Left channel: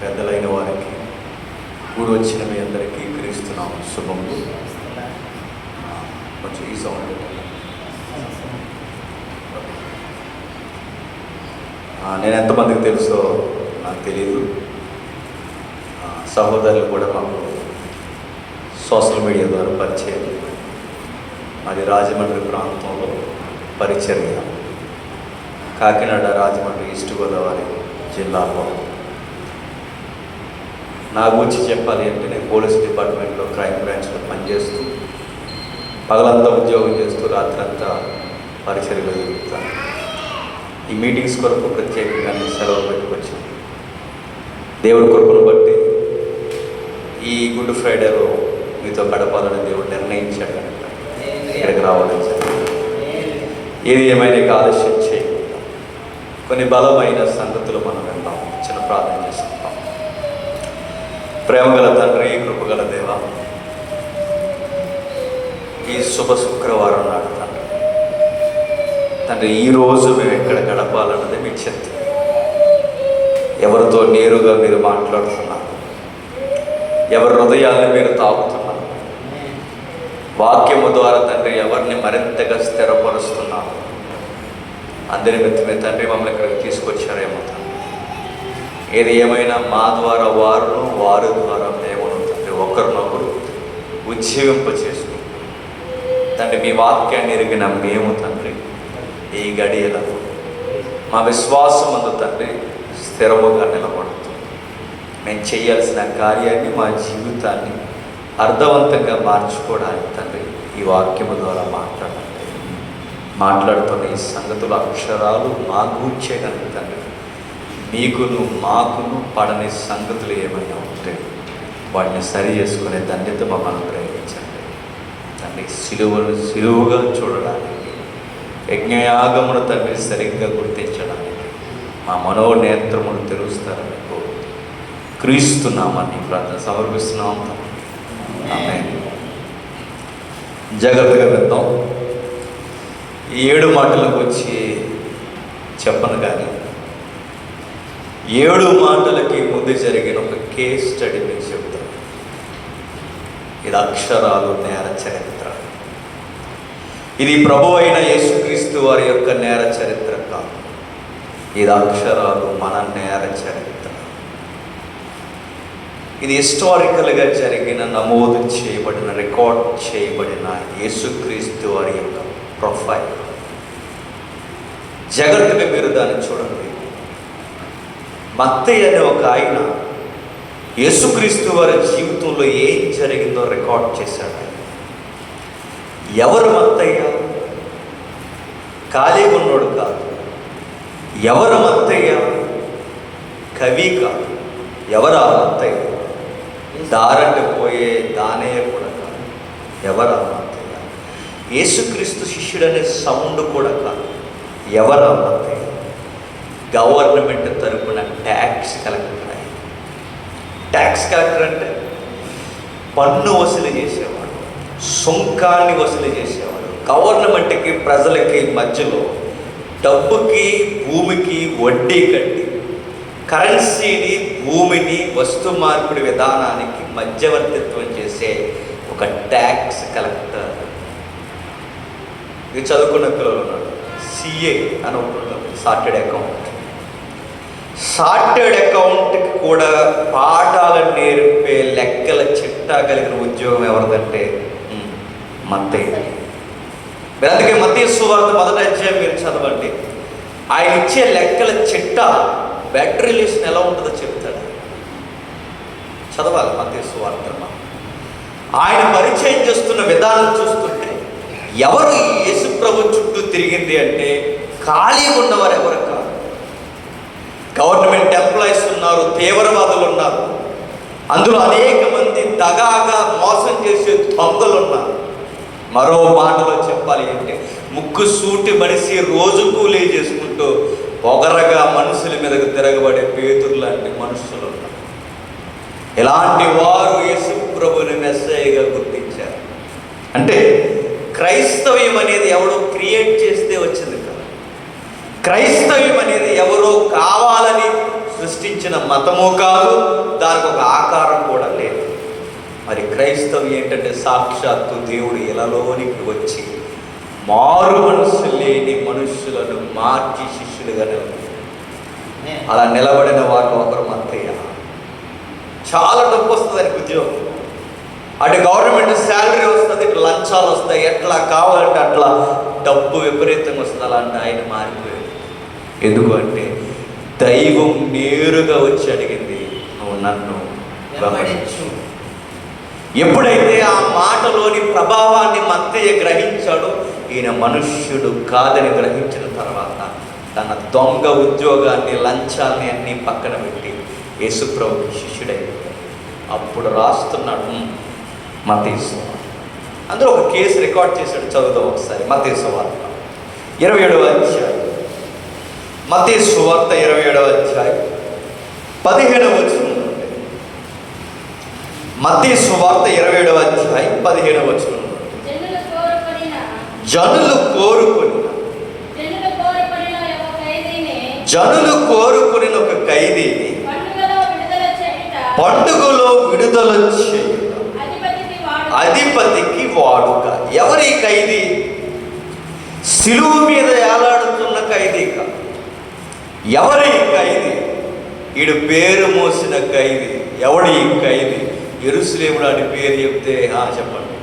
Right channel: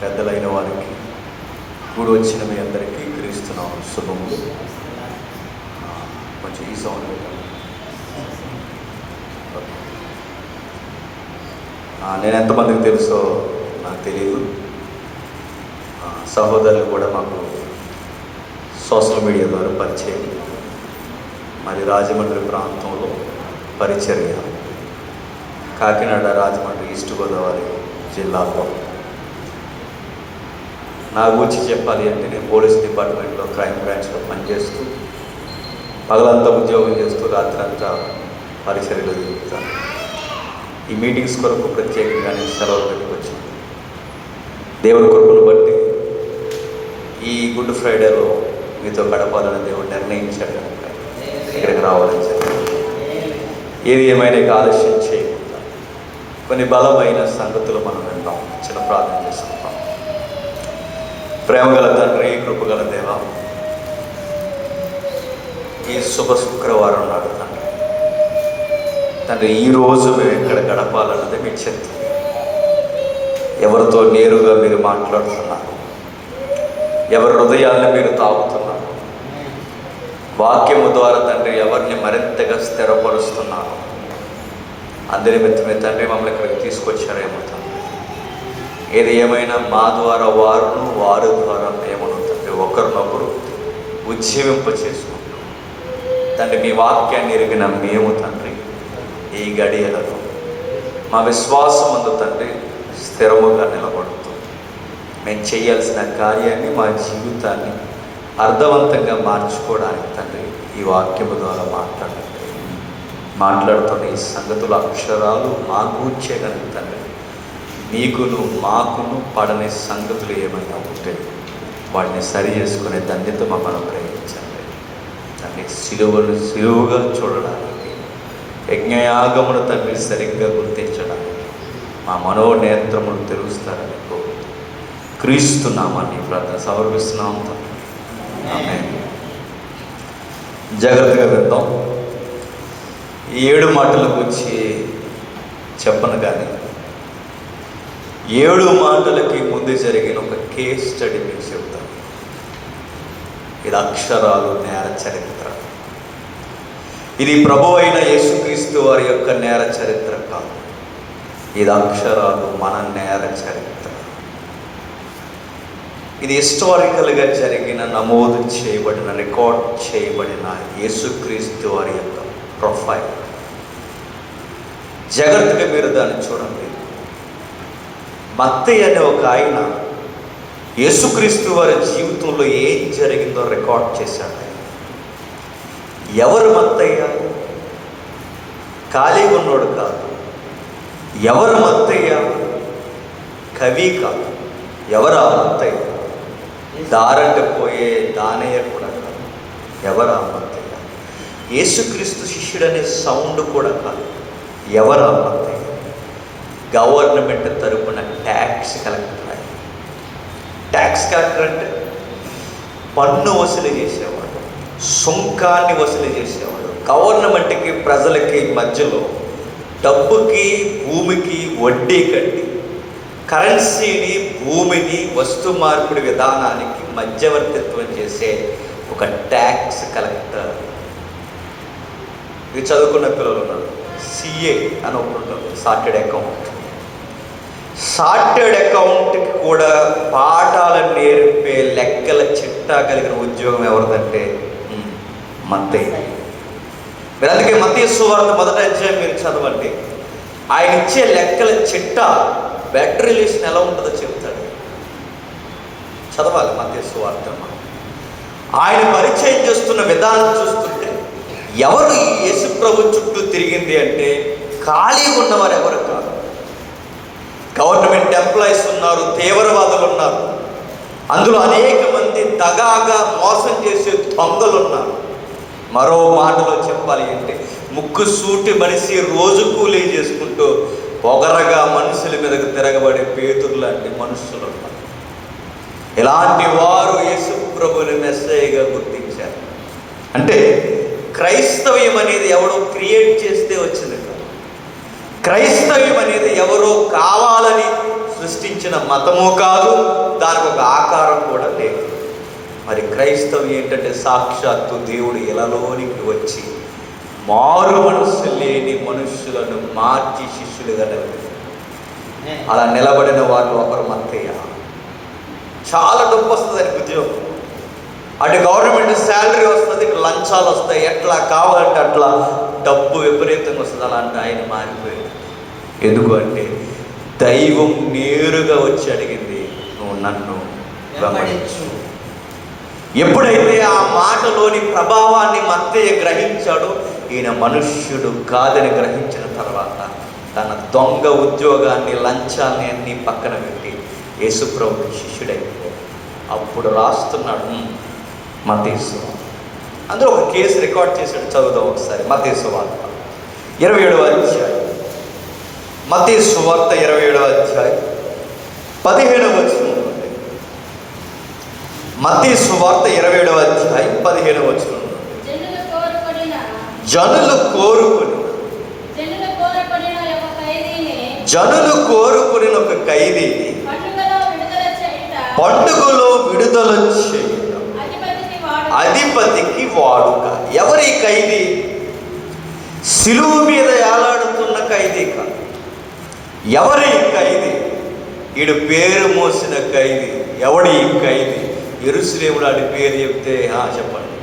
పెద్దలైన వారికి, కూడి వచ్చిన మీ అందరికీ క్రీస్తున్నాం శుభములు. కొంచెం ఈ సౌండ్ నేను ఎంతమందికి తెలుసో నాకు తెలియదు. సహోదరులు కూడా నాకు సోషల్ మీడియా ద్వారా పరిచయం. అది రాజమండ్రి ప్రాంతంలో పరిచర్య, కాకినాడ, రాజమండ్రి, ఈస్ట్ గోదావరి జిల్లాలో. నా గురించి చెప్పాలి అంటే నేను పోలీస్ డిపార్ట్మెంట్లో క్రైమ్ బ్రాంచ్లో పనిచేస్తూ పగలంతా ఉద్యోగం చేస్తూ రాత్రంతా పరిసరలో తిరుగుతాను. ఈ మీటింగ్స్ కొరకు ప్రత్యేకంగా నేను సెలవులు పెట్టుకొచ్చింది. దేవుడి కృపను బట్టి ఈ గుడ్ ఫ్రైడేలో మీతో గడపాలని దేవుడు నిర్ణయించాడు. ఇక్కడికి రావాలని ఏది ఏమైనా ఆలస్యం చేయకుండా కొన్ని బలమైన సంగతులు మనం వింటాం. చిన్న ప్రార్థన చేసుకుంటాం. ప్రేమగల తండ్రి, కృపగల దేవ, ఈ శుభ శుక్రవారం నాడు తండ్రి ఈరోజు మేము ఎక్కడ గడపాలన్నది మీకు చెప్తుంది. ఎవరితో నేరుగా మీరు మాట్లాడుతున్నారు, ఎవరి హృదయాన్ని మీరు తాకుతున్నారు, వాక్యము ద్వారా తండ్రి ఎవరిని మరింతగా స్థిరపరుస్తున్నారు. అందరి మిత్రమే తండ్రి మమ్మల్ని ఇక్కడికి తీసుకొచ్చారేమో తండ్రి. ఏది ఏమైనా మా ద్వారా వారును, వారి ద్వారా మేము తండ్రి ఒకరినొకరు ఉజ్జీవింప చేసుకుంటాం తండ్రి. మీ వాక్యాన్ని ఎరిగిన మేము తండ్రి ఈ గడియలను మా విశ్వాసం అందు తండ్రి స్థిరముగా నిలబడుతుంది. మేము చేయాల్సిన కార్యాన్ని, మా జీవితాన్ని అర్థవంతంగా మార్చుకోవడానికి తండ్రి ఈ వాక్యము ద్వారా మాట్లాడుతున్న ఈ సంగతుల అక్షరాలు మా గూర్చేయడానికి తండ్రి మీకును మాకును పడని సంగతులు ఏమైనా ఉంటే వాటిని సరి చేసుకునే ధన్యత మమ్మల్ని ప్రయోగించండి తండ్రి. సిలువుగా చూడడానికి, యజ్ఞయాగమును తండ్రి సరిగ్గా గుర్తించడానికి మా మనోనేత్రమును తెరుస్తారని క్రీస్తున్నామని ప్రార్థన సమర్పిస్తున్నాం తండ్రి. ఆమేన్. జాగ్రత్తగా విందాం. ఈ 7 మాటలకు వచ్చి చెప్పను కానీ 7 మాటలకి ముందు జరిగిన ఒక కేస్ స్టడీ మీకు చెప్తాను. ఇది అక్షరాలు నేర చరిత్ర. ఇది ప్రభువు అయిన యేసుక్రీస్తు వారి యొక్క నేర చరిత్ర కాదు. ఇది అక్షరాలు మన నేర చరిత్ర. ఇది హిస్టారికల్గా జరిగిన, నమోదు చేయబడిన, రికార్డ్ చేయబడిన యేసుక్రీస్తు వారి యొక్క ప్రొఫైల్. జాగ్రత్తగా మీరు దాన్ని చూడండి. మత్తయి అనే ఒక ఆయన యేసుక్రీస్తు వారి జీవితంలో ఏం జరిగిందో రికార్డ్ చేశాడు. ఎవరు మత్తయ్య? ఖాళీగా ఉన్నాడు కాదు. ఎవరు మత్తయ్య? కవి కాదు. ఎవరా మత్తయ్య? దారంటే పోయే దానయ్య కాదు. ఎవరా మత్తయ్య? యేసుక్రీస్తు శిష్యుడనే సౌండ్ కూడా కాదు. ఎవరా మత్తయ్య? గవర్నమెంట్ తరపున ట్యాక్స్ కలెక్టర్. ట్యాక్స్ కలెక్టర్ అంటే పన్ను వసూలు చేసేవాడు, సుంకాన్ని వసూలు చేసేవాడు. గవర్నమెంట్కి ప్రజలకి మధ్యలో డబ్బుకి, భూమికి వడ్డీ కట్టి కరెన్సీని, భూమిని, వస్తు మార్పిడి విధానానికి మధ్యవర్తిత్వం చేసే ఒక ట్యాక్స్ కలెక్టర్. ఇది చదువుకున్న పిల్లలు ఉన్నాడు. సిఏ అని ఒకటి, చార్టెడ్ అకౌంట్. చార్టెడ్ అకౌంట్కి కూడా పాఠాలను నేర్పే లెక్కల చిట్టా కలిగిన ఉద్యోగం ఎవరిదంటే మత్తయి. మీరు అందుకే మత్తయి సువార్త 1వ అధ్యాయం మీరు చదవండి. ఆయన ఇచ్చే లెక్కల చిట్టా బెడ్ రిలేషన్ ఎలా ఉంటుందో చెప్తాడు. చదవాలి మత్తయి సువార్త. ఆయన పరిచయం చేస్తున్న విధానం చూస్తుంటే ఎవరు ఈ యేసు ప్రభు చుట్టూ తిరిగింది అంటే ఖాళీగా ఉన్నవారు ఎవరు కాదు. గవర్నమెంట్ ఎంప్లాయీస్ ఉన్నారు, తీవ్రవాదులు ఉన్నారు, అందులో అనేక మంది దగాగా మోసం చేసే దొంగలు ఉన్నారు. మరో మాటలో చెప్పాలి అంటే ముక్కు సూటి మనిషి రోజు కూలీ చేసుకుంటూ పొగరగా మనుషుల మీదకి తిరగబడే పేతురు లాంటి మనుషులు ఉన్నారు. ఇలాంటి వారు యేసు ప్రభువుని మెస్సయ్యగా గుర్తించారు. అంటే క్రైస్తవ్యం అనేది ఎవడో క్రియేట్ చేస్తే వచ్చింది. క్రైస్తవ్యం అనేది ఎవరో కావాలని సృష్టించారు. సృష్టించిన మతము కాదు, దానికి ఒక ఆకారం కూడా లేదు. మరి క్రైస్తవం ఏంటంటే సాక్షాత్తు దేవుడు ఇలాలోనికి వచ్చి మారు మనస్సు లేని మనుషులను మార్చి శిష్యులుగా నిలబడి, అలా నిలబడిన వాళ్ళు ఒకరు మత్తయ్య. చాలా డబ్బు వస్తుంది దానికి ఉద్యోగం, అటు గవర్నమెంట్ శాలరీ వస్తుంది, ఇటు లంచాలు వస్తాయి, ఎట్లా కావాలంటే అట్లా డబ్బు విపరీతంగా వస్తుంది. అలాంటి ఆయన మారిపోయాడు. ఎందుకు అంటే దైవం నేరుగా వచ్చి అడిగింది, నువ్వు నన్ను గమనించు. ఎప్పుడైతే ఆ మాటలోని ప్రభావాన్ని మత్తయ్య గ్రహించాడో, ఈయన మనుష్యుడు కాదని గ్రహించిన తర్వాత తన దొంగ ఉద్యోగాన్ని, లంచాన్ని అన్నీ పక్కన పెట్టి యేసుప్రభు శిష్యుడైపోయాడు. అప్పుడు రాస్తున్నాడు మత్తయి సువార్త. అందులో ఒక కేసు రికార్డ్ చేశాడు, చదువుదాం ఒకసారి. మత్తయి సువార్త 27వ అధ్యాయం. మత్తయి సువార్త 27వ అధ్యాయం 15వ వచనం. మత్తయి సువార్త 27వ అధ్యాయం 15వ వచనం. జనులు కోరుకుని ఒక ఖైదీని పండుగలో విడుదల చేయుట అధిపతికి వాడుక. ఎవరి ఖైదీ? శిలువ మీద ఏలాడుతున్న ఖైదీ కాదు. ఎవరి ఖైదీ? ఈడు పేరు మోసిన ఖైదీ. ఎవడి ఖైదీ? యెరూషలేములో ఆడి పేరు చెప్తే చెప్పండి,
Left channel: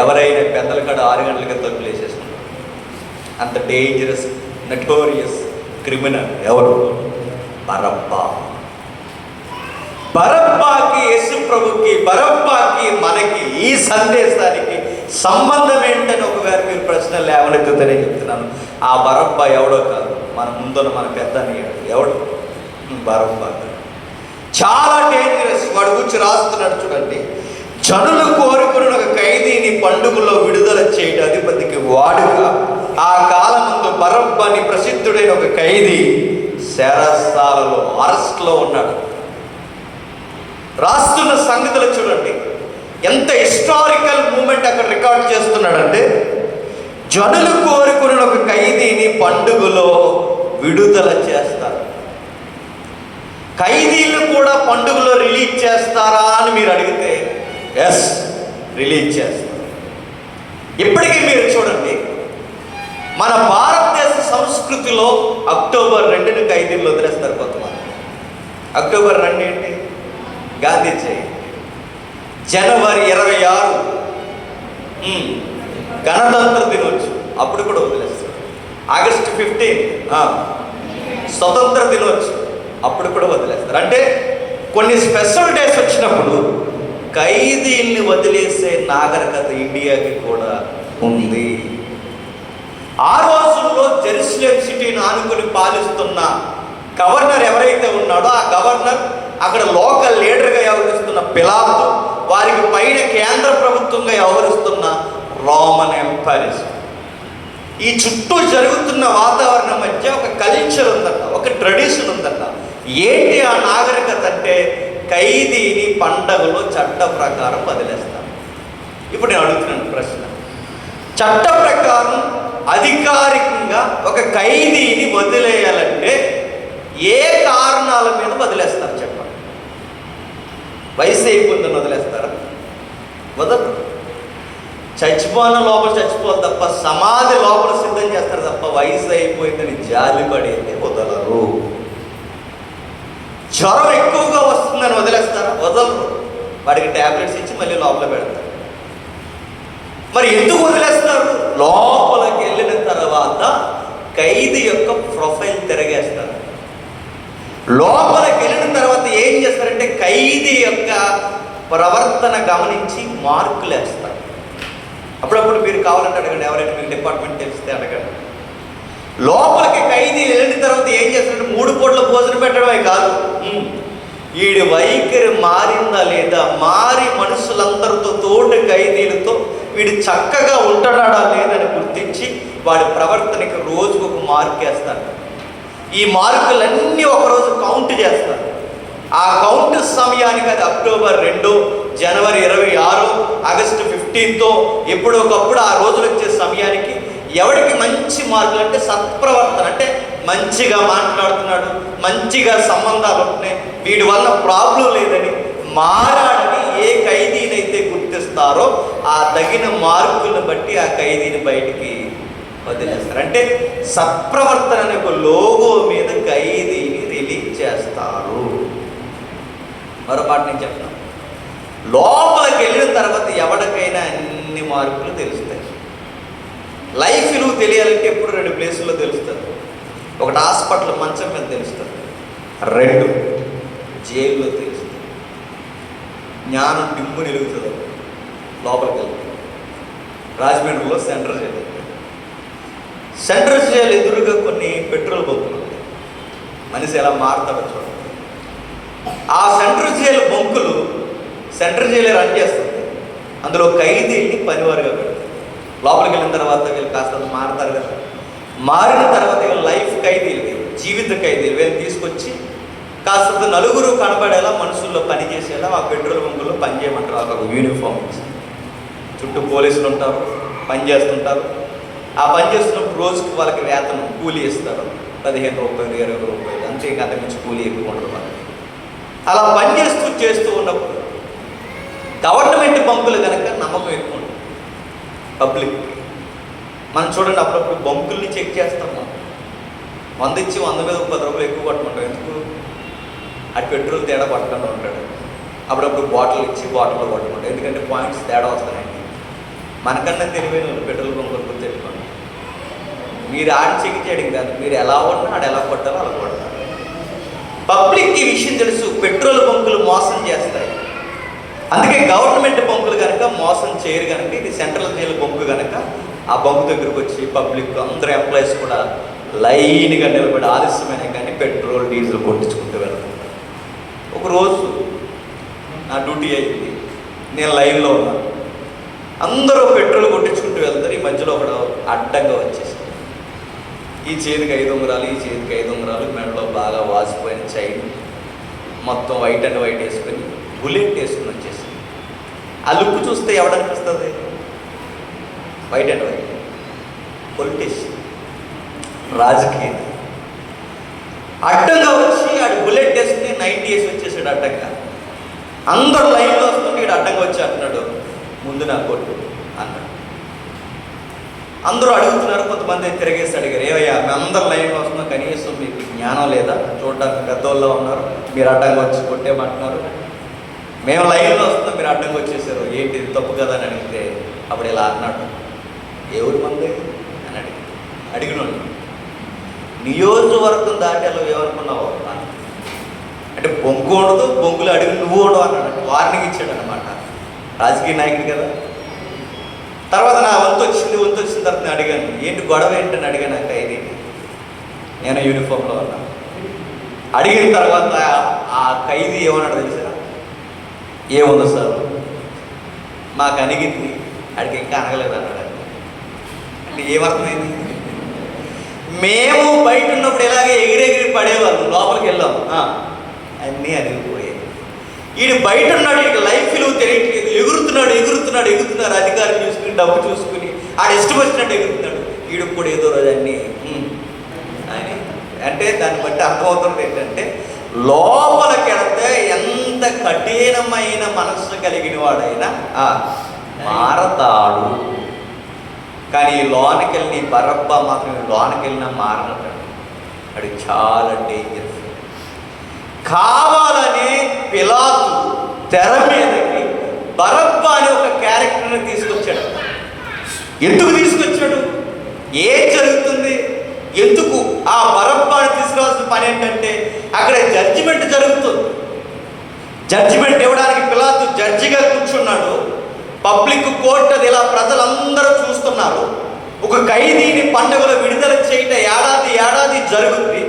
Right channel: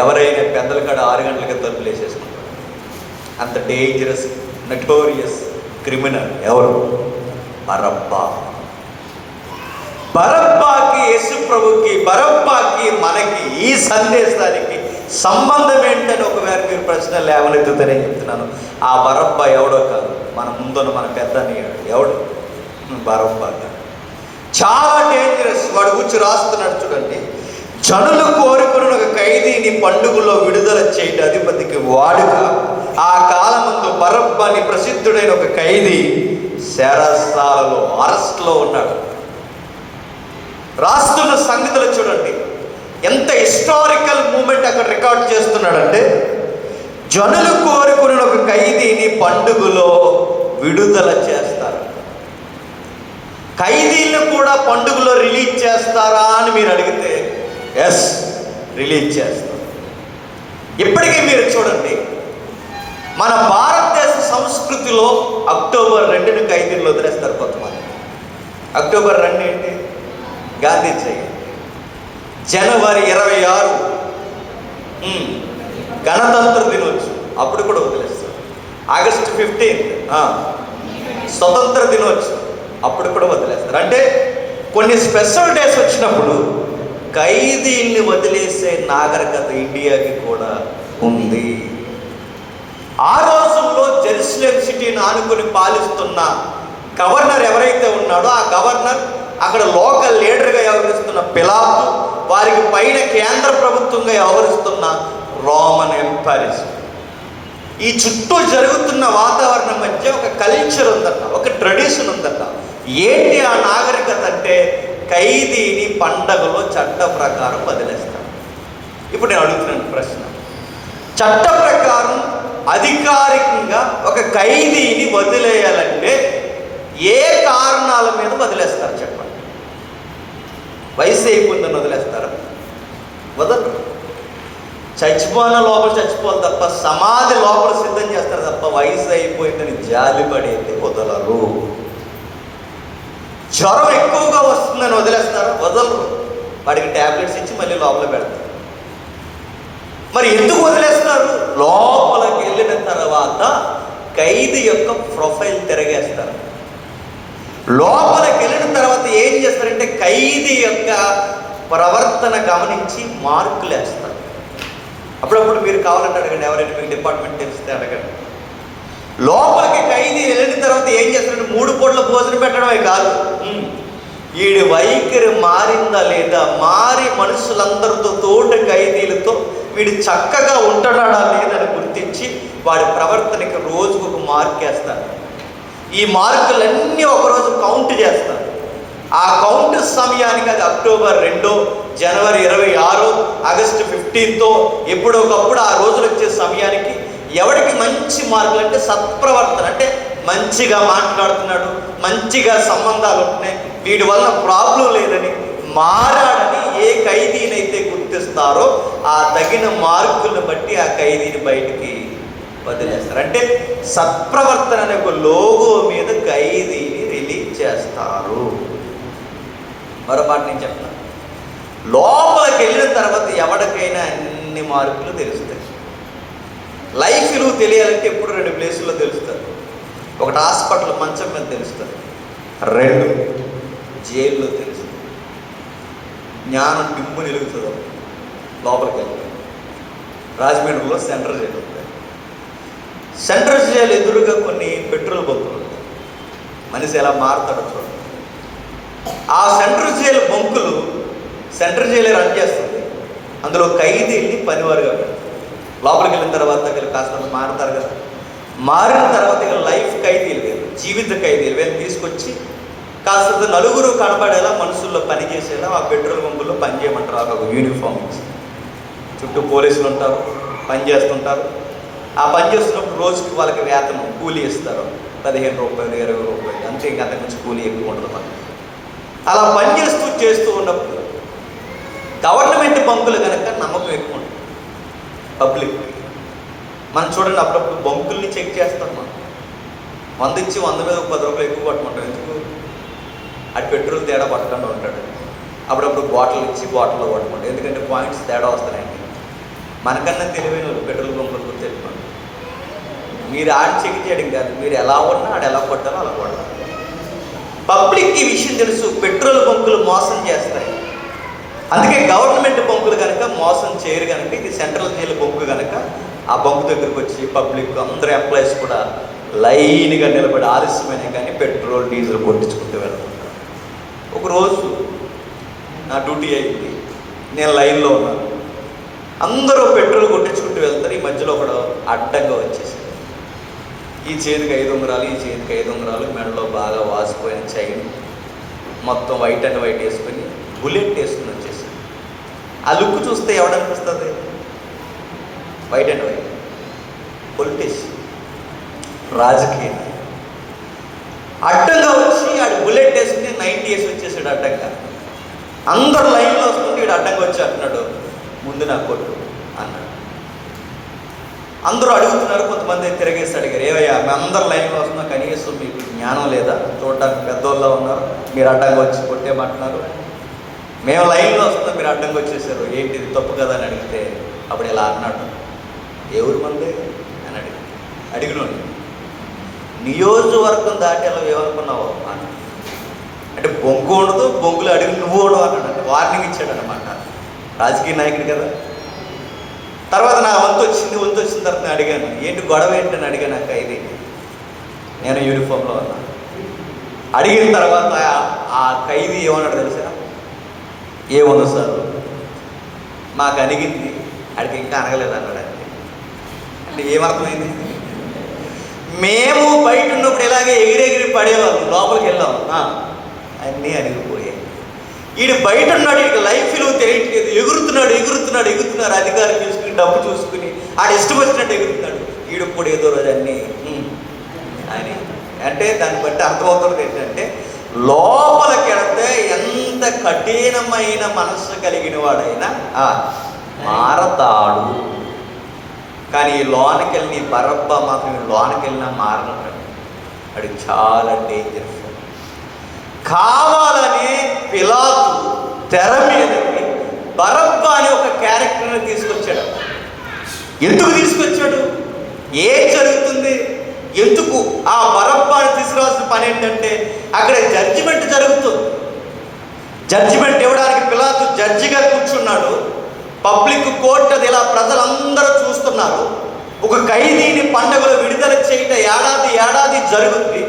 ఎవరైనా పెద్దల కాడ 6 గంటలకి తలుపులు వేసేస్తున్నారు. అంత డేంజరస్ నటోరియస్ క్రిమినల్ ఎవరు? బరబ్బా. బరబ్బాకి, యేసు ప్రభుకి, బరబ్బాకి మనకి ఈ సందేశానికి సంబంధం ఏంటని ఒకవేళ మీరు ప్రశ్న లేవనెత్తుతనే చెప్తున్నాను. ఆ బరబ్బా ఎవడో కాదు, మన ముందున్న మన పెద్ద ఎవడు? బరబ్బా. చాలా డేంజరస్. వాడు గురించి రాస్తున్నాడు చూడండి. జనులు కోరుకుని ఒక ఖైదీని పండుగలో విడుదల చేయడం అధిపతికి వాడుక. ఆ కాలముందు బరబ్బాని ప్రసిద్ధుడైన ఒక ఖైదీ శరసాలలో అరెస్ట్లో ఉన్నాడు. రాస్తున్న సంగతులు చూడండి, ఎంత హిస్టారికల్ మూమెంట్ అక్కడ రికార్డ్ చేస్తున్నాడంటే, జనులు కోరుకుని ఒక ఖైదీని పండుగలో విడుదల చేస్తారు. ఖైదీలు కూడా పండుగలో రిలీజ్ చేస్తారా అని మీరు అడిగితే ఎస్, రిలీజ్ చేస్తారు. ఇప్పటికీ మీరు చూడండి, మన భారతదేశ సంస్కృతిలో అక్టోబర్ 2ని ఖైదీలు వదిలేస్తారు కొంతమంది. అక్టోబర్ 2 ఏంటి? గాంధీ జయంతి. జనవరి 26 గణతంత్ర దినోత్సవం, అప్పుడు కూడా వదిలేస్తారు. ఆగస్టు 15 స్వతంత్ర దినోత్సవం, అప్పుడు కూడా వదిలేస్తారు. అంటే కొన్ని స్పెషల్ డేస్ వచ్చినప్పుడు ఖైదీల్ని వదిలేసే నాగరికత ఇండియాకి కూడా ఉంది. ఆ రోజుల్లో జెరూసలేం సిటీని ఆనుకుని పాలిస్తున్న గవర్నర్ ఎవరైతే ఉన్నాడో, ఆ గవర్నర్ అక్కడ లోకల్ లీడర్గా వ్యవహరిస్తున్న పిలాతు, వారికి పైన కేంద్ర ప్రభుత్వంగా వ్యవహరిస్తున్న రోమన్ ఎంపైర్. ఈ చుట్టూ జరుగుతున్న వాతావరణం మధ్య ఒక కల్చర్ ఉందట, ఒక ట్రెడిషన్ ఉందట. ఏంటి ఆ నాగరికత అంటే, ఖైదీని పండగలో చట్ట ప్రకారం వదిలేస్తారు. ఇప్పుడు నేను అడుగుతున్నాను ప్రశ్న, చట్ట ప్రకారం అధికారికంగా ఒక ఖైదీని వదిలేయాలంటే ఏ కారణాల మీద వదిలేస్తారు చెప్పండి? వయసు అయిపోయిందని వదిలేస్తారా? వదలు. చచ్చిపోయిన లోపల చచ్చిపోదు తప్ప, సమాధి లోపల సిద్ధం చేస్తారు తప్ప, వయసు అయిపోయిందని జాలిపడేది వదలరు. జ్వరం ఎక్కువగా వస్తుందని వదిలేస్తారు? వదలరు. వాడికి ట్యాబ్లెట్స్ ఇచ్చి మళ్ళీ లోపల పెడతారు. మరి ఎందుకు వదిలేస్తారు? లోపలికి వెళ్ళిన తర్వాత ఖైదీ యొక్క ప్రొఫైల్ తిరగేస్తారు. లోపలికి వెళ్ళిన తర్వాత ఏం చేస్తారంటే, ఖైదీ యొక్క ప్రవర్తన గమనించి మార్కులు వేస్తారు. అప్పుడప్పుడు మీరు కావాలంటే అడగండి, ఎవరైనా మీకు డిపార్ట్మెంట్ తెలిస్తే అడగండి. లోపలికి ఖైదీ వెళ్ళిన తర్వాత ఏం చేస్తారంటే, 3 పూట్ల భోజనం పెట్టడమే కాదు, వీడి వైఖరి మారిందా లేదా, మారి మనుషులందరితో, తోటి ఖైదీలతో వీడు చక్కగా ఉంటున్నాడా లేదని గుర్తించి వాడి ప్రవర్తనకి రోజుకు ఒక మార్క్ వేస్తారు. ఈ మార్కులన్నీ ఒకరోజు కౌంట్ చేస్తారు. ఆ కౌంట్ సమయానికి, అది అక్టోబర్ 2, జనవరి 26, ఆగస్టు 15 ఎప్పుడొకప్పుడు ఆ రోజులు వచ్చే సమయానికి ఎవరికి మంచి మార్కులు అంటే సత్ప్రవర్తన, అంటే మంచిగా మాట్లాడుతున్నాడు, మంచిగా సంబంధాలు ఉంటున్నాయి, వీడి వల్ల ప్రాబ్లం లేదని, మారాడని ఏ ఖైదీనైతే గుర్తిస్తారో ఆ తగిన మార్కులను బట్టి ఆ ఖైదీని బయటికి వదిలేస్తారు. అంటే సత్ప్రవర్తన అనే ఒక లోగో మీద ఖైదీని రిలీజ్ చేస్తారు. మరో మాట నేను చెప్తాను, లోపలికి వెళ్ళిన తర్వాత ఎవరికైనా అన్ని మార్పులు తెలుస్తాయి. లైఫ్ విలువ తెలియాలంటే ఎప్పుడు 2 ప్లేసుల్లో తెలుస్తారు. ఒకటి హాస్పిటల్ మంచం మీద తెలుస్తారు, 2 జైల్లో తెలుస్తుంది. జ్ఞానం దిమ్ము నిలుగుతుంది లోపలికి వెళ్తే. రాజమండ్రిలో సెంట్రల్ జైలు ఎదురుగా కొన్ని పెట్రోల్ బంకులు ఉంటాయి. మనిషి ఎలా మారుతాడో చూడండి. ఆ సెంట్రల్ జైలు రన్ చేస్తుంది. అందులో ఖైదీల్ని పనివారుగా పెడతారు. లోపలికి వెళ్ళిన తర్వాత వీళ్ళు కాస్త మారుతారు కదా, మారిన తర్వాత వీళ్ళు లైఫ్ ఖైదీలు, జీవిత ఖైదీలు, వీళ్ళు తీసుకొచ్చి కాస్త నలుగురు కనబడేలా, మనుషుల్లో పనిచేసేలా ఆ పెట్రోల్ బంకుల్లో పనిచేయమంటారు. ఒక యూనిఫామ్ ఇచ్చి చుట్టూ పోలీసులు ఉంటారు, పని చేస్తుంటారు. ఆ పని చేస్తున్నప్పుడు రోజుకి వాళ్ళకి వేతనం కూలీ ఇస్తారు, 15 రూపాయలు 20 రూపాయలు, అంతే. ఇంకా అంతకుమించి కూలీ ఎక్కువ ఉంటుంది. అలా పని చేస్తూ ఉన్నప్పుడు గవర్నమెంట్ బంకులు కనుక నమ్మకం ఎక్కువ ఉంటుంది పబ్లిక్. మనం చూడండి, అప్పుడప్పుడు బంకుల్ని చెక్ చేస్తాం. మనం 100 ఇచ్చి 100 మీద 10 రూపాయలు ఎక్కువ పట్టుకుంటాం. ఎందుకు? అటు పెట్రోల్ తేడా పట్టుకుంటూ ఉంటాడు. అప్పుడప్పుడు బాటిల్ ఇచ్చి బాటిల్లో పట్టుకుంటాం, ఎందుకంటే పాయింట్స్ తేడా వస్తున్నాయండి. మనకన్నా తెలివైన వాళ్ళు పెట్రోల్ బంకుల గురించి చెప్పుకోండి. మీరు ఆడి చెక్ చేయడం కాదు, మీరు ఎలా ఉన్నా ఆడ ఎలా కొట్టాలో అలా కొట్టాలి. పబ్లిక్ ఈ విషయం తెలుసు, పెట్రోల్ బంకులు మోసం చేస్తారు. అందుకే గవర్నమెంట్ బంకులు కనుక మోసం చేయరు కనుక, ఇది సెంట్రల్ జైలు బంకు కనుక ఆ బంకు దగ్గరికి వచ్చి పబ్లిక్ అందరూ ఎంప్లాయీస్ కూడా లైన్గా నిలబడి ఆలస్యమైన కానీ పెట్రోల్ డీజిల్ కొట్టించుకుంటూ వెళ్తారు. ఒకరోజు నా డ్యూటీ అయింది, నేను లైన్లో ఉన్నాను. అందరూ పెట్రోల్ కొట్టించుకుంటూ వెళ్తారు. ఈ మధ్యలో ఒకడు అడ్డంగా వచ్చేసి ఈ చేతికి 5 ఉంగరాలు, ఈ చేతికి 5 ఉంగరాలు, మెడలో బాగా వాసిపోయిన చైన్, మొత్తం వైట్ అండ్ వైట్ వేసుకొని బుల్లెట్ వేసుకుని వచ్చేసి. ఆ లుక్ చూస్తే ఎవడనిపిస్తుంది? వైట్ అండ్ వైట్ పొలిటీషియన్, రాజకీయం. అడ్డంగా వచ్చి ఆడు బుల్లెట్ వేసుకుని 90 వేసి వచ్చేసాడు అడ్డంగా. అందరు లైన్లో వస్తుంటే ఈడు అడ్డంగా వచ్చి అంటున్నాడు, ముందు నాకు కొట్టు అన్నాడు. అందరూ అడుగుతున్నారు, కొంతమంది తిరగేసి అడిగారు, ఏవయ్యా మేము అందరూ లైన్లో వస్తున్నాం, కనీసం మీకు జ్ఞానం లేదా? చూడడానికి పెద్దోళ్ళలో ఉన్నారు, మీరు అడ్డంగా వచ్చి కొట్టేమంటున్నారు. మేము లైన్లో వస్తున్నాం, మీరు అడ్డంగా వచ్చేసారు, ఏంటి తప్పు కదా అని అడిగితే అప్పుడు ఇలా అన్నాడు, ఎవరు మంది అని అడిగినాడు. నియోజకవర్గం దాటాలో ఏమనుకున్నావు అంటే బొంగు ఉండదు, బొంగులు అడిగి నువ్వు ఉండవు అన్నాడు. వార్నింగ్ ఇచ్చాడు అనమాట, రాజకీయ నాయకుడు కదా. తర్వాత నా వంతు వచ్చిన తర్వాత నేను అడిగాను, ఏంటి గొడవ ఏంటని అడిగాను. నాకు ఖైదీని, నేను యూనిఫామ్లో ఉన్నాను. అడిగిన తర్వాత ఆ ఖైదీ ఏమన్నాడు తెలుసా? ఏముంది సార్, మాకు అడిగింది, అడిగి ఇంకా అనగలేదు అన్నాడు. అంటే ఏమర్థమైంది? మేము బయట ఉన్నప్పుడు ఇలాగే ఎగిరెగిరి పడేవాళ్ళం, లోపలికి వెళ్ళాం, అన్నీ అడిగిపోయాయి. వీడు బయట ఉన్నాడు, వీడికి లైఫ్ విలువ తెలియట్లేదు, ఎగురుతున్నాడు, అధికారం చూసుకుని, డబ్బు చూసుకుని, ఆడు ఇష్టం వచ్చినట్టు ఎగురుతున్నాడు. వీడు కూడా ఏదో రోజు అన్నీ అని. అంటే దాన్ని బట్టి అర్థమవుతుంది ఏంటంటే, లోపలికి వెళ్తే ఎంత కఠినమైన మనస్సు కలిగిన వాడైనా మారతాడు. కానీ లోనికి వెళ్ళి బరబ్బా మాత్రం లోనికి వెళ్ళినా మారనడు. అది చాలా డేంజరస్. కావాలని పిలాతు తెర మీదకి బరబ్బా అనే ఒక క్యారెక్టర్ని తీసుకొచ్చాడు. ఎందుకు తీసుకొచ్చాడు? ఏం జరుగుతుంది? ఎందుకు ఆ బరబ్బాని తీసుకురావాల్సిన పని ఏంటంటే, అక్కడ జడ్జిమెంట్ జరుగుతుంది. జడ్జిమెంట్ ఇవ్వడానికి పిలాతు జడ్జిగా కూర్చున్నాడు. పబ్లిక్ కోర్టు అది ఇలా ప్రజలందరూ చూస్తున్నారు. ఒక ఖైదీని పండుగలో విడుదల చేయటం ఏడాది జరుగుతుంది.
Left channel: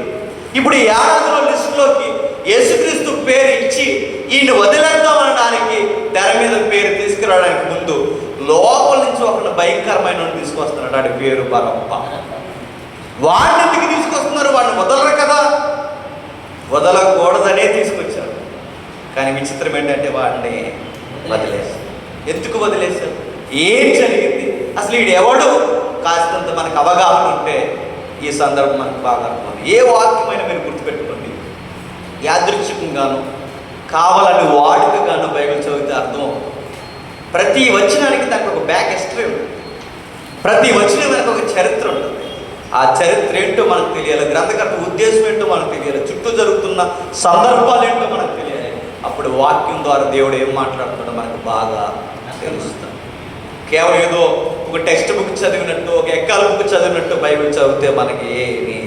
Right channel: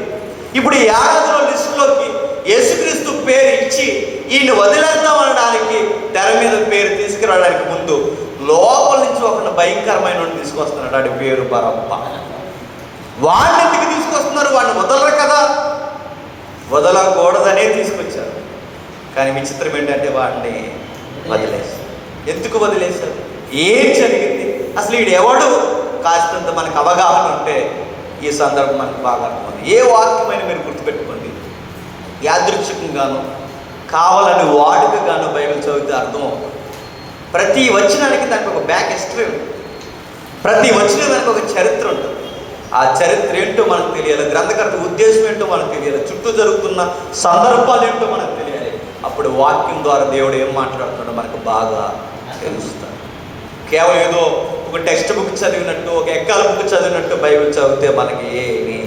ఇప్పుడు ఈ ఏడాదిలో లిస్టులోకి యేసుక్రీస్తు పేరు ఇచ్చి ఈయన వదిలేద్దాం అనడానికి తెర మీద పేరు తీసుకురావడానికి ముందు లోపల నుంచి ఒక భయంకరమైన తీసుకొస్తున్నాడు. వాడి పేరు బరబ్బా. వాడిని ఎందుకు తీసుకొస్తున్నారు? వాడిని వదలరు కదా, వదలకూడదనే తీసుకొచ్చారు. కానీ విచిత్రం ఏంటంటే వాడిని వదిలేస్తారు. ఎందుకు వదిలేస్తారు? ఏం జరిగింది అసలు? వీడు ఎవడు? కాస్తంత మనకు అవగాహన ఉంటే ఈ సందర్భం మనకు బాగా అర్థమవుతుంది. ఏ వాక్యమైనా మీరు గుర్తుపెట్టుకోండి, యాదృచ్ఛికంగాను కావాలని వాడుకగాను బైబిల్ చదివితే అర్థమవుతుంది. ప్రతి వచనానికి దానికి ఒక బ్యాక్ హిస్టరీ ఉంటుంది. ప్రతి వచనం వెనక ఒక చరిత్ర ఉంటుంది. ఆ చరిత్ర ఏంటో మనకు తెలియాలి, గ్రంథకర్త ఉద్దేశం ఏంటో మనకు తెలియాలి, చుట్టూ జరుగుతున్న సందర్భాలు ఏంటో మనకు తెలియాలి. అప్పుడు వాక్యం ద్వారా దేవుడు ఏం మాట్లాడుతుందో మనకు బాగా తెలుస్తుంది. కేవలం ఏదో ఒక టెక్స్ట్ బుక్ చదివినట్టు, ఒక ఎక్కాల బుక్ చదివినట్టు బైబిల్ చదివితే మనకి ఏమీ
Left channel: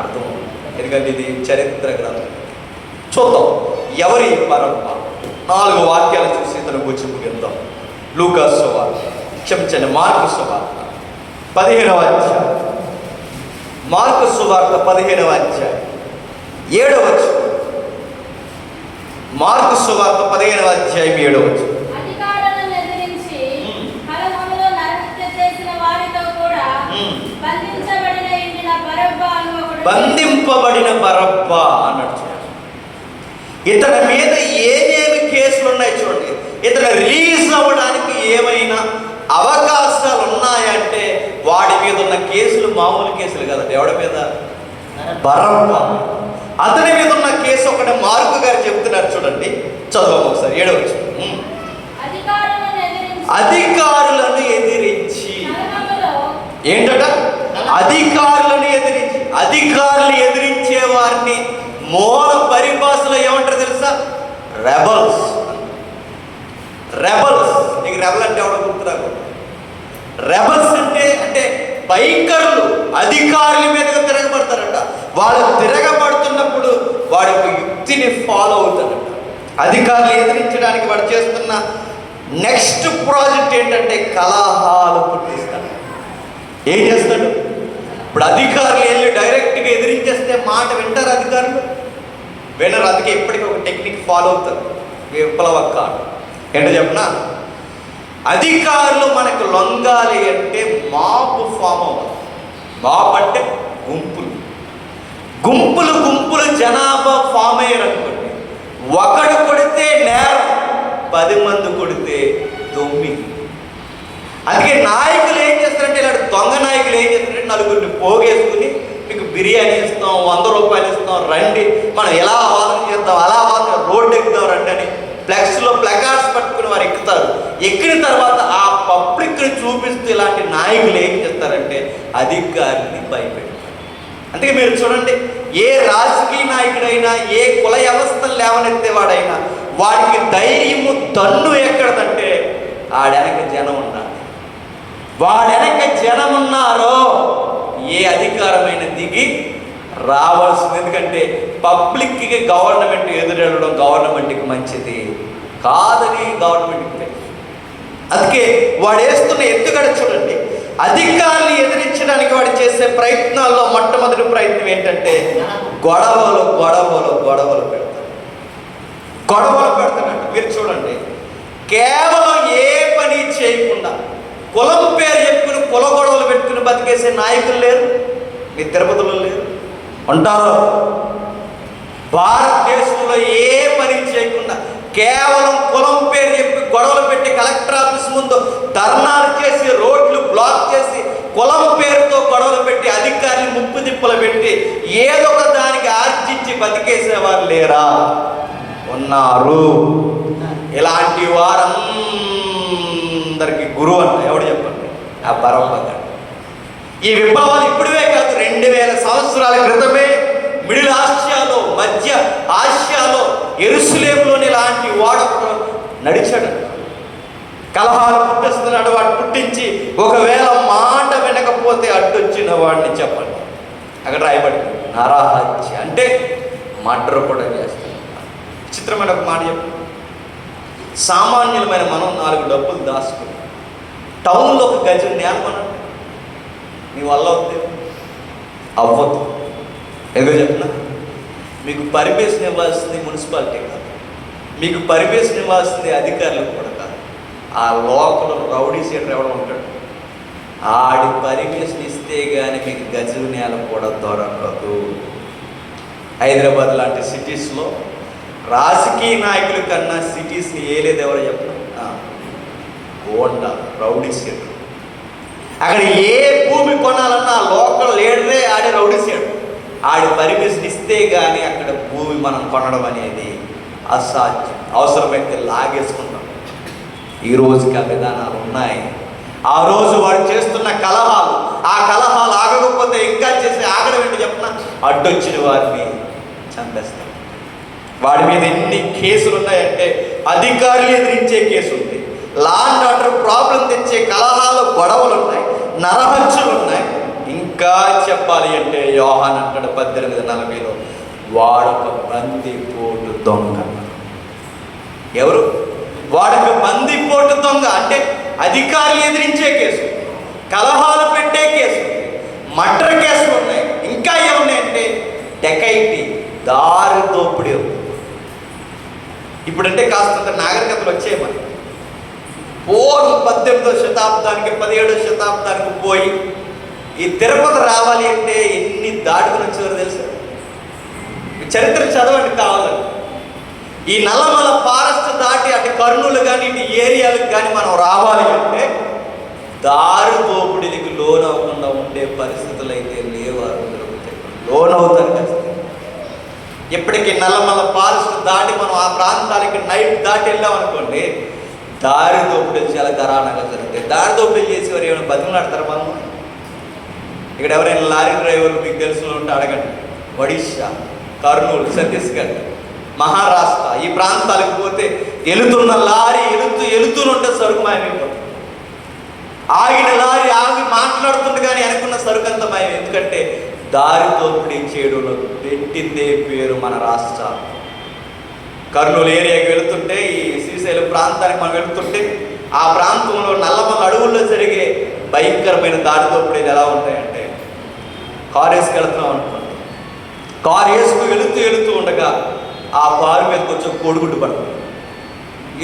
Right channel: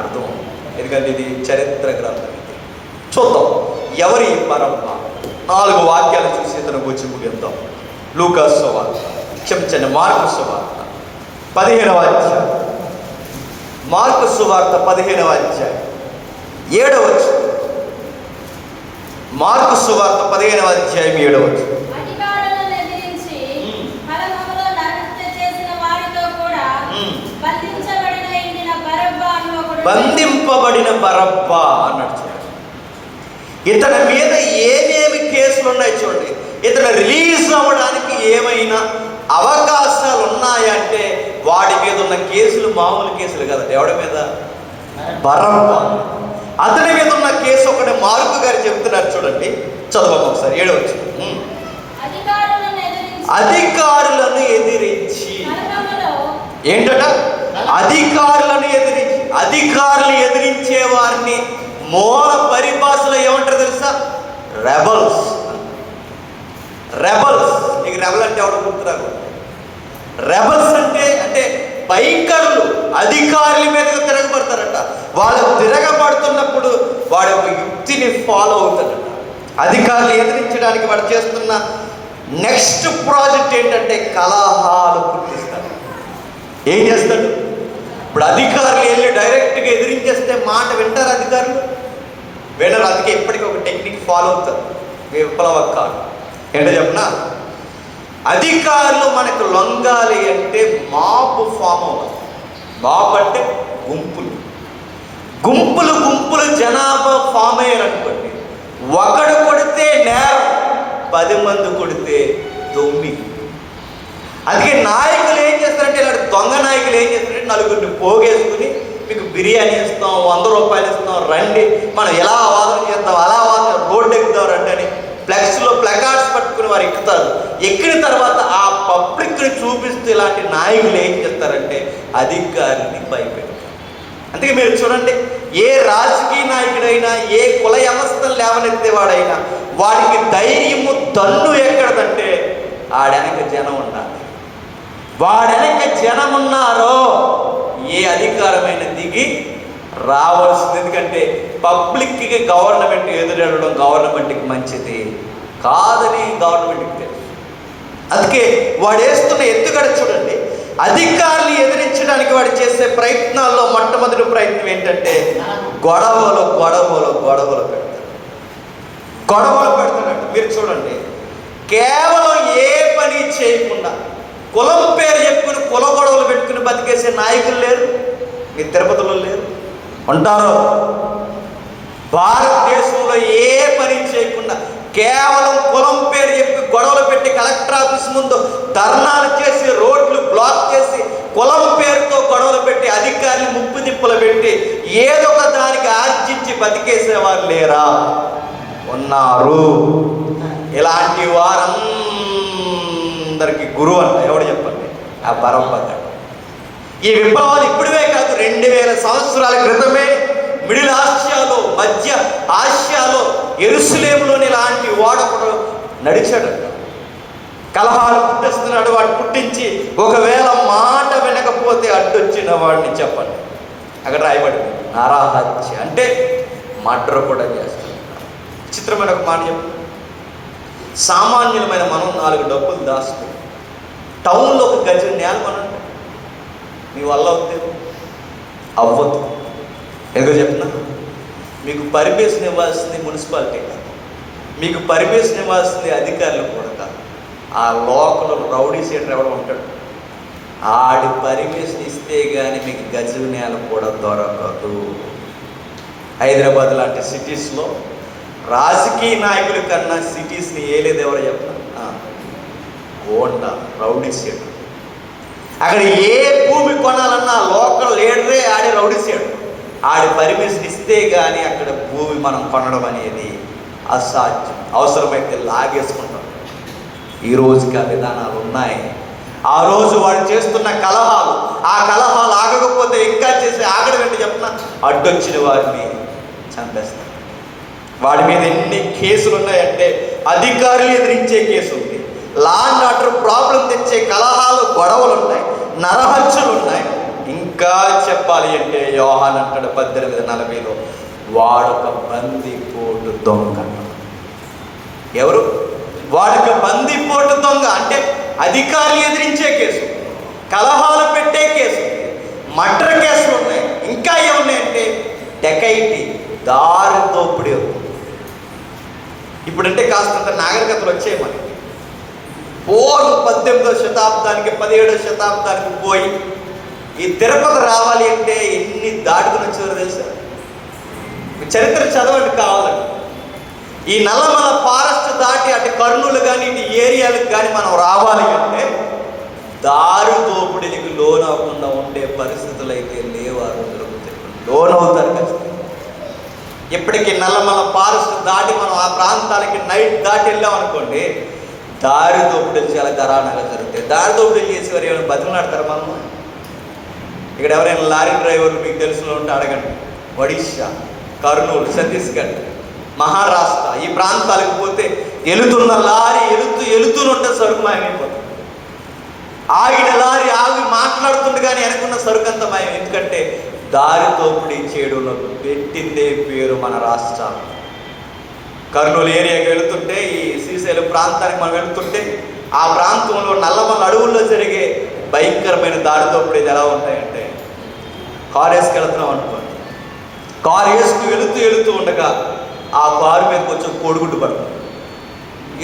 అర్థం, ఎందుకంటే ఇది చరిత్ర గ్రంథం. చూద్దాం ఎవరి పరంపర. 4 వాక్యాలు చూసి ఇతను గురించి ముగిద్దాం. లూకా సువార్త, క్షమించండి, మార్కు సువార్త 15వ అధ్యాయం. మార్కు సువార్త 15వ అధ్యాయం 7వ వచనం. మార్కు సువార్త 15వ అధ్యాయం 7వ వచనం. బంధింపబడిన బరబ్బా అన్నట్టు. ఇతని మీద ఏమేమి కేసులు ఉన్నాయి చూడండి. ఇతను రిలీజ్ అవ్వడానికి ఏమైనా అవకాశాలు ఉన్నాయంటే వాడి మీద ఉన్న కేసులు మామూలు కేసులు కదా. ఎవడి మీద? బరబ్బా. అతని మీద ఉన్న కేసు ఒకటి మార్కు గారు చెప్తున్నారు చూడండి, చదవం ఒకసారి 7వ వచనం. అధికారులను ఎదిరించి ఏంటట? అధికారులను ఎదిరించి. అధికారులు ఎదిరించే వారిని మూల పరిభాషలో ఏమంటారు తెలుసా? రెబల్స్. రెబల్స్. నీకు రెబల్ అంటే ఎవరు గుర్తురాకు? రెబల్స్ అంటే భయంకరులు. అధికారుల మీదగా తిరగబడతారట. వాళ్ళు తిరగబడుతున్నప్పుడు వాడి యొక్క యుక్తిని ఫాలో అవుతారట. అధికారులు ఎదిరించడానికి వాడు చేస్తున్న నెక్స్ట్ ప్రాజెక్ట్ ఏంటంటే కలహాలు పుట్టిస్తాడు. ఏం చేస్తాడు? ఇప్పుడు అధికారులు వెళ్ళి డైరెక్ట్గా ఎదిరించేస్తే మాట వింటారు అధికారులు? వినరు. అందుకే ఇప్పటికీ ఒక టెక్నిక్ ఫాలో అవుతారు. విప్లవకాలు ఏంటో చెప్పనా? అధికారులు మనకు లొంగాలి అంటే మాబ్ ఫామ్ అవుతుంది. మాబ్ అంటే గుంపులు గుంపులు గుంపులు జనాభా ఫామ్ అయ్యారనుకోండి. ఒకడు కొడితే నేరం, 10 మంది కొడితే 9. అందుకే నాయకులు ఏం చేస్తారంటే, ఇలాంటి దొంగ నాయకులు ఏం చేస్తారంటే, నలుగురిని పోగేసుకుని మీకు బిర్యానీ ఇస్తాం, 100 రూపాయలు ఇస్తాం, రండి మనం ఎలా వాదన చేద్దాం, అలా వాదన రోడ్డు ఎక్కుదాం రండి అని ఫ్లెక్స్లో ప్లకార్డ్స్ పట్టుకుని వారు ఎక్కుతారు. ఎక్కిన తర్వాత ఆ పబ్లిక్ని చూపిస్తూ ఇలాంటి నాయకులు ఏం చేస్తారంటే అధికారిని భయపెడతారు. అందుకే మీరు చూడండి, ఏ రాజకీయ నాయకుడైనా, ఏ కుల వ్యవస్థను లేవనెత్తేవాడైనా వాడికి ధైర్యము దన్ను ఎక్కడదంటే ఆడెనక జనం ఉన్నారు. వాడెనక జనం ఉన్నారో ఏ అధికారమైన దిగి రావాల్సింది. ఎందుకంటే పబ్లిక్కి గవర్నమెంట్ ఎదురెళ్ళడం గవర్నమెంట్కి మంచిది కాదని గవర్నమెంట్కి తెలుసు. అందుకే వాడు వేస్తున్న ఎత్తుగడ చూడండి. అధికారులు ఎదిరించడానికి వాడు చేసే ప్రయత్నాల్లో మొట్టమొదటి ప్రయత్నం ఏంటంటే గొడవలు గొడవలు గొడవలు పెడతారు. గొడవలు పెడతానంటే మీరు చూడండి, కేవలం ఏ పని చేయకుండా కులం పేరు చెప్పుకుని కుల గొడవలు పెట్టుకుని బతికేసే నాయకులు లేరు. మీ తిరుపతిలో లేరు, ఉంటారు. భారతదేశంలో ఏ పని చేయకుండా కేవలం కులం పేరు చెప్పి గొడవలు పెట్టి కలెక్టర్ ఆఫీస్ ముందు ధర్నాలు చేసి రోడ్లు బ్లాక్ చేసి కులం పేరుతో గొడవలు పెట్టి అధికారులు ముప్పు తిప్పులు పెట్టి ఏదో ఒక దానికి ఆర్జించి బతికేసేవారు లేరా? ఉన్నారు. ఇలాంటి వారందరికి గురువు అంట ఎవడు చెప్పండి? ఆ పరమపద. ఈ విప్లవాలు ఇప్పుడే కాదు, 2000 సంవత్సరాల క్రితమే మిడిల్ ఆసియాలో, మధ్య ఆసియాలో, యెరూషలేములోని ఇలాంటి వాడప్పుడు నడిచాడు. కలహాలు పుట్టిస్తున్నాడు. వాడు పుట్టించి ఒకవేళ మాట వినకపోతే అడ్డొచ్చిన వాడిని చెప్పండి, అక్కడ రాయబడింది నరహత్య, అంటే మర్డర్ కూడా చేస్తాడు. చిత్రమైన ఒక మాట చెప్పు. సామాన్యులమైన మనం 4 డబ్బులు దాచుకుని టౌన్లో ఒక గజం నేలమన్నా మీ వల్ల అవుతుంది? అవ్వదు. ఎందుకో చెప్తున్నా, మీకు పర్మిషన్ ఇవ్వాల్సింది మున్సిపాలిటీ కాదు, మీకు పర్మిషన్ ఇవ్వాల్సింది అధికారులు కూడా కాదు. ఆ లోకల్ రౌడీ సీటర్ ఎవరు ఉంటాడు, ఆడి పర్మిషన్ ఇస్తే కానీ మీకు గజం నేల కూడా దొరకదు. హైదరాబాద్ లాంటి సిటీస్లో రాజకీయ నాయకుల కన్నా సిటీస్ని ఏలేదు ఎవరు చెప్పిన గోండా రౌడీ సీటర్. అక్కడ ఏ భూమి కొనాలన్నా లోకల్ లీడరే ఆడే రౌడీసాడు. ఆడి పర్మిషన్ ఇస్తే కానీ అక్కడ భూమి మనం కొనడం అనేది అసాధ్యం. అవసరమైతే లాగేసుకుంటాం. ఈ రోజుకి ఆ విధానాలు ఉన్నాయి. ఆ రోజు వాడు చేస్తున్న కలహాలు, ఆ కలహాలు ఆగకపోతే ఇంకా చేసి ఆగడం ఏంటి చెప్పిన అడ్డొచ్చిన వారిని చంపేస్తాం. వాడి మీద ఎన్ని కేసులు ఉన్నాయంటే అధికారులు ఎదిరించే కేసు ఉంది, లా అండ్ ఆర్డర్ ప్రాబ్లం తెచ్చే కలహాలు, గొడవలు ఉన్నాయి, నరహత్యలు ఉన్నాయి. ఇంకా చెప్పాలి అంటే యోహాను అంటాడు 18:40 వాడొక బందిపోటు దొంగ. ఎవరు? వాడొక బందిపోటు దొంగ. అంటే అధికారులు ఎదిరించే కేసు, కలహాలు పెట్టే కేసు, మర్డర్ కేసులు ఉన్నాయి. ఇంకా ఏమున్నాయంటే డెకైటీ, దారి దోపిడీ. ఇప్పుడంటే కాస్తంత నాగరికతలు వచ్చేయమని పూర్వం 18వ శతాబ్దానికి 17వ శతాబ్దానికి పోయి ఈ తిరుపతి రావాలి అంటే ఎన్ని దాటుకుని వచ్చేవారు తెలుసా? చరిత్ర చదవండి కావాలండి. ఈ నల్లమల ఫారెస్ట్ దాటి అటు కర్నూలు కానీ ఇటు ఏరియాలకు కానీ మనం రావాలి అంటే దారి దోపిడీకి లోన్ అవ్వకుండా ఉండే పరిస్థితులు అయితే లేవు. ఆ రోజులు లోన్ అవుతారు ఖచ్చితంగా. ఇప్పటికీ నల్లమల ఫారెస్ట్ దాటి మనం ఆ ప్రాంతానికి నైట్ దాటి వెళ్ళాం అనుకోండి, దారి దోపిడీలు చాలా దారుణంగా జరుగుతాయి. దారి దోపిడీలు చేసేవారు ఏమైనా బతుకులాడతారు మనం? ఇక్కడ ఎవరైనా లారీ డ్రైవర్లు మీకు తెలిసిన ఉంటే అడగండి. ఒడిశా, కర్నూలు, ఛత్తీస్గఢ్, మహారాష్ట్ర ఈ ప్రాంతాలకు పోతే వెళుతున్న లారీ వెళుతూనుంటే సరుకు మాయమైపోతుంది. ఆగిన లారీ ఆగి మాట్లాడుతుంది కానీ వెనుకున్న సరుకు అంత మాయం. ఎందుకంటే దారి దోపిడీ చేయడంలో పెట్టిందే పేరు మన రాష్ట్రం. కర్నూలు ఏరియాకి వెళుతుంటే, ఈ శ్రీశైలం ప్రాంతానికి మనం వెళుతుంటే ఆ ప్రాంతంలో నల్లమల అడవుల్లో జరిగే భయంకరమైన దారి దోపిడీలు ఎలా ఉంటాయంటే, కారు వేసుకెళ్తున్నాం అనుకోండి, కారు వేసుకు వెళుతూ ఉండగా ఆ కారు మీద కొంచెం కోడిగుడ్డు పడుతుంది.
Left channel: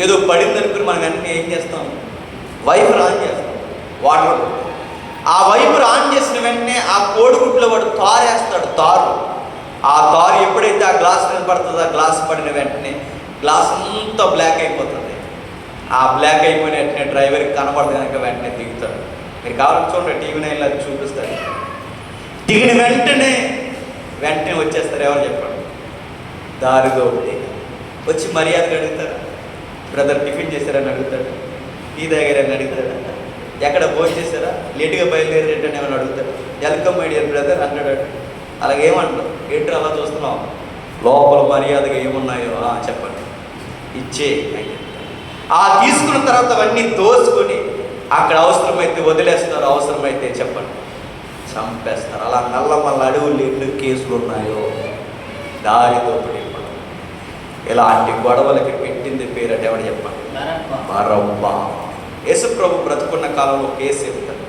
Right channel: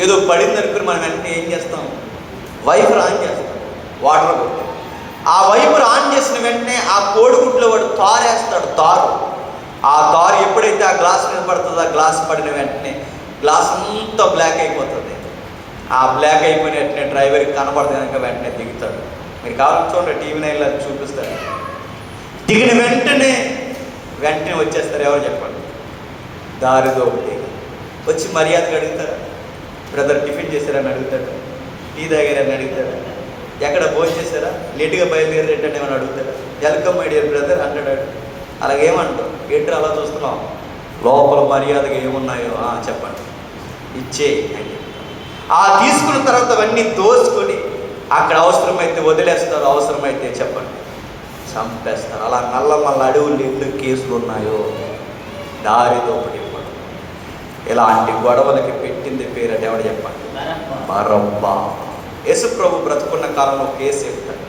ఏదో పడింది అనుకుని మనం వెంటనే ఏం చేస్తాం? వైపర్ ఆన్ చేస్తాం, వాటర్. ఆ వైపర్ ఆన్ చేసిన వెంటనే ఆ కోడిగుడ్లో వాడు తారు వేస్తాడు. ఆ తారు ఎప్పుడైతే ఆ గ్లాస్ మీద పడుతుందో, ఆ గ్లాస్ పడిన వెంటనే గ్లాస్ అంతా బ్లాక్ అయిపోతుంది. ఆ బ్లాక్ అయిపోయిన వెంటనే డ్రైవర్కి కనపడదు కనుక వెంటనే దిగుతాడు. మీరు కావాలని చూడండి, టీవీ నైన్లో అది చూపిస్తాడు. దిగిన వెంటనే వచ్చేస్తారు. ఎవరు చెప్పండి? దారి దోపిడీ. వచ్చి మర్యాదగా అడుగుతాడు, బ్రదర్ టిఫిన్ చేశారని అడుగుతాడు, టీ తాగారని అడుగుతాడు, ఎక్కడ భోజనం చేశారా, లేటుగా బయలుదేరి ఏంటంటే ఏమని అడుగుతాడు, వెల్కమ్ మై డియర్ బ్రదర్ అంటాడు. అలాగేమంటావు? ఏంటో అలా చూస్తున్నావు, లోపల మర్యాదగా ఏమున్నాయో చెప్పండి, ఇచ్చే. ఆ తీసుకున్న తర్వాత అవన్నీ దోసుకొని అక్కడ అవసరమైతే వదిలేస్తారు, అవసరమైతే చెప్పండి చంపేస్తారు. అలా నల్లమల్ల అడవులు ఎన్ని కేసులు ఉన్నాయో దారి దోపిడీ. ఇలాంటి గొడవలకి పెట్టింది పేరట ఏమని చెప్పండి? బరబ్బా. యేసు ప్రభు బ్రతుకున్న కాలంలో కేసు చెప్తాడు.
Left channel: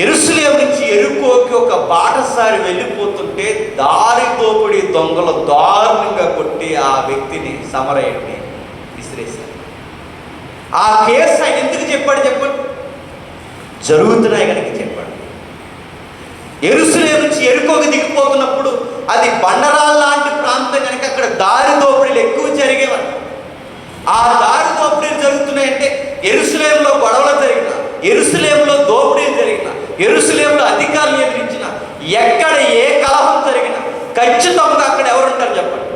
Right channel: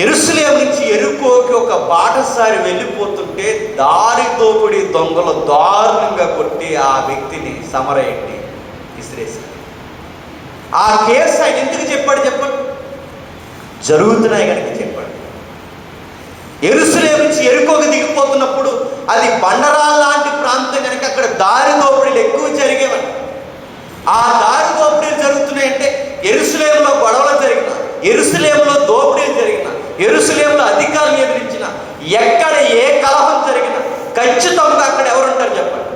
యెరూషలేము నుంచి యెరికోకి ఒక బాటసారి వెళ్ళిపోతుంటే దారి దోపిడీ దొంగలు దారుణంగా కొట్టి ఆ వ్యక్తిని సమరయ్యండి విసిరేశారు. ఆ కేసు ఆయన ఎందుకు చెప్పాడు చెప్పండి? జరుగుతున్నాయి కనుక చెప్పండి. యెరూషలేము నుంచి యెరికోకి దిగిపోతున్నప్పుడు అది బండరాళ్ళ లాంటి ప్రాంతం కనుక అక్కడ దారి దోపిడీలు ఎక్కువ జరిగేవని. ఆ దారి దోపిడీలు జరుగుతున్నాయంటే యెరూషలేములో గొడవలు జరిగిన, యెరూషలేములో దోపిడీలు జరిగిన, యెరూషలేములో అధికారులు ఎదిరించిన, ఎక్కడ ఏ కలహం జరిగినా ఖచ్చితంగా అక్కడ ఎవరు ఉంటారు చెప్పండి?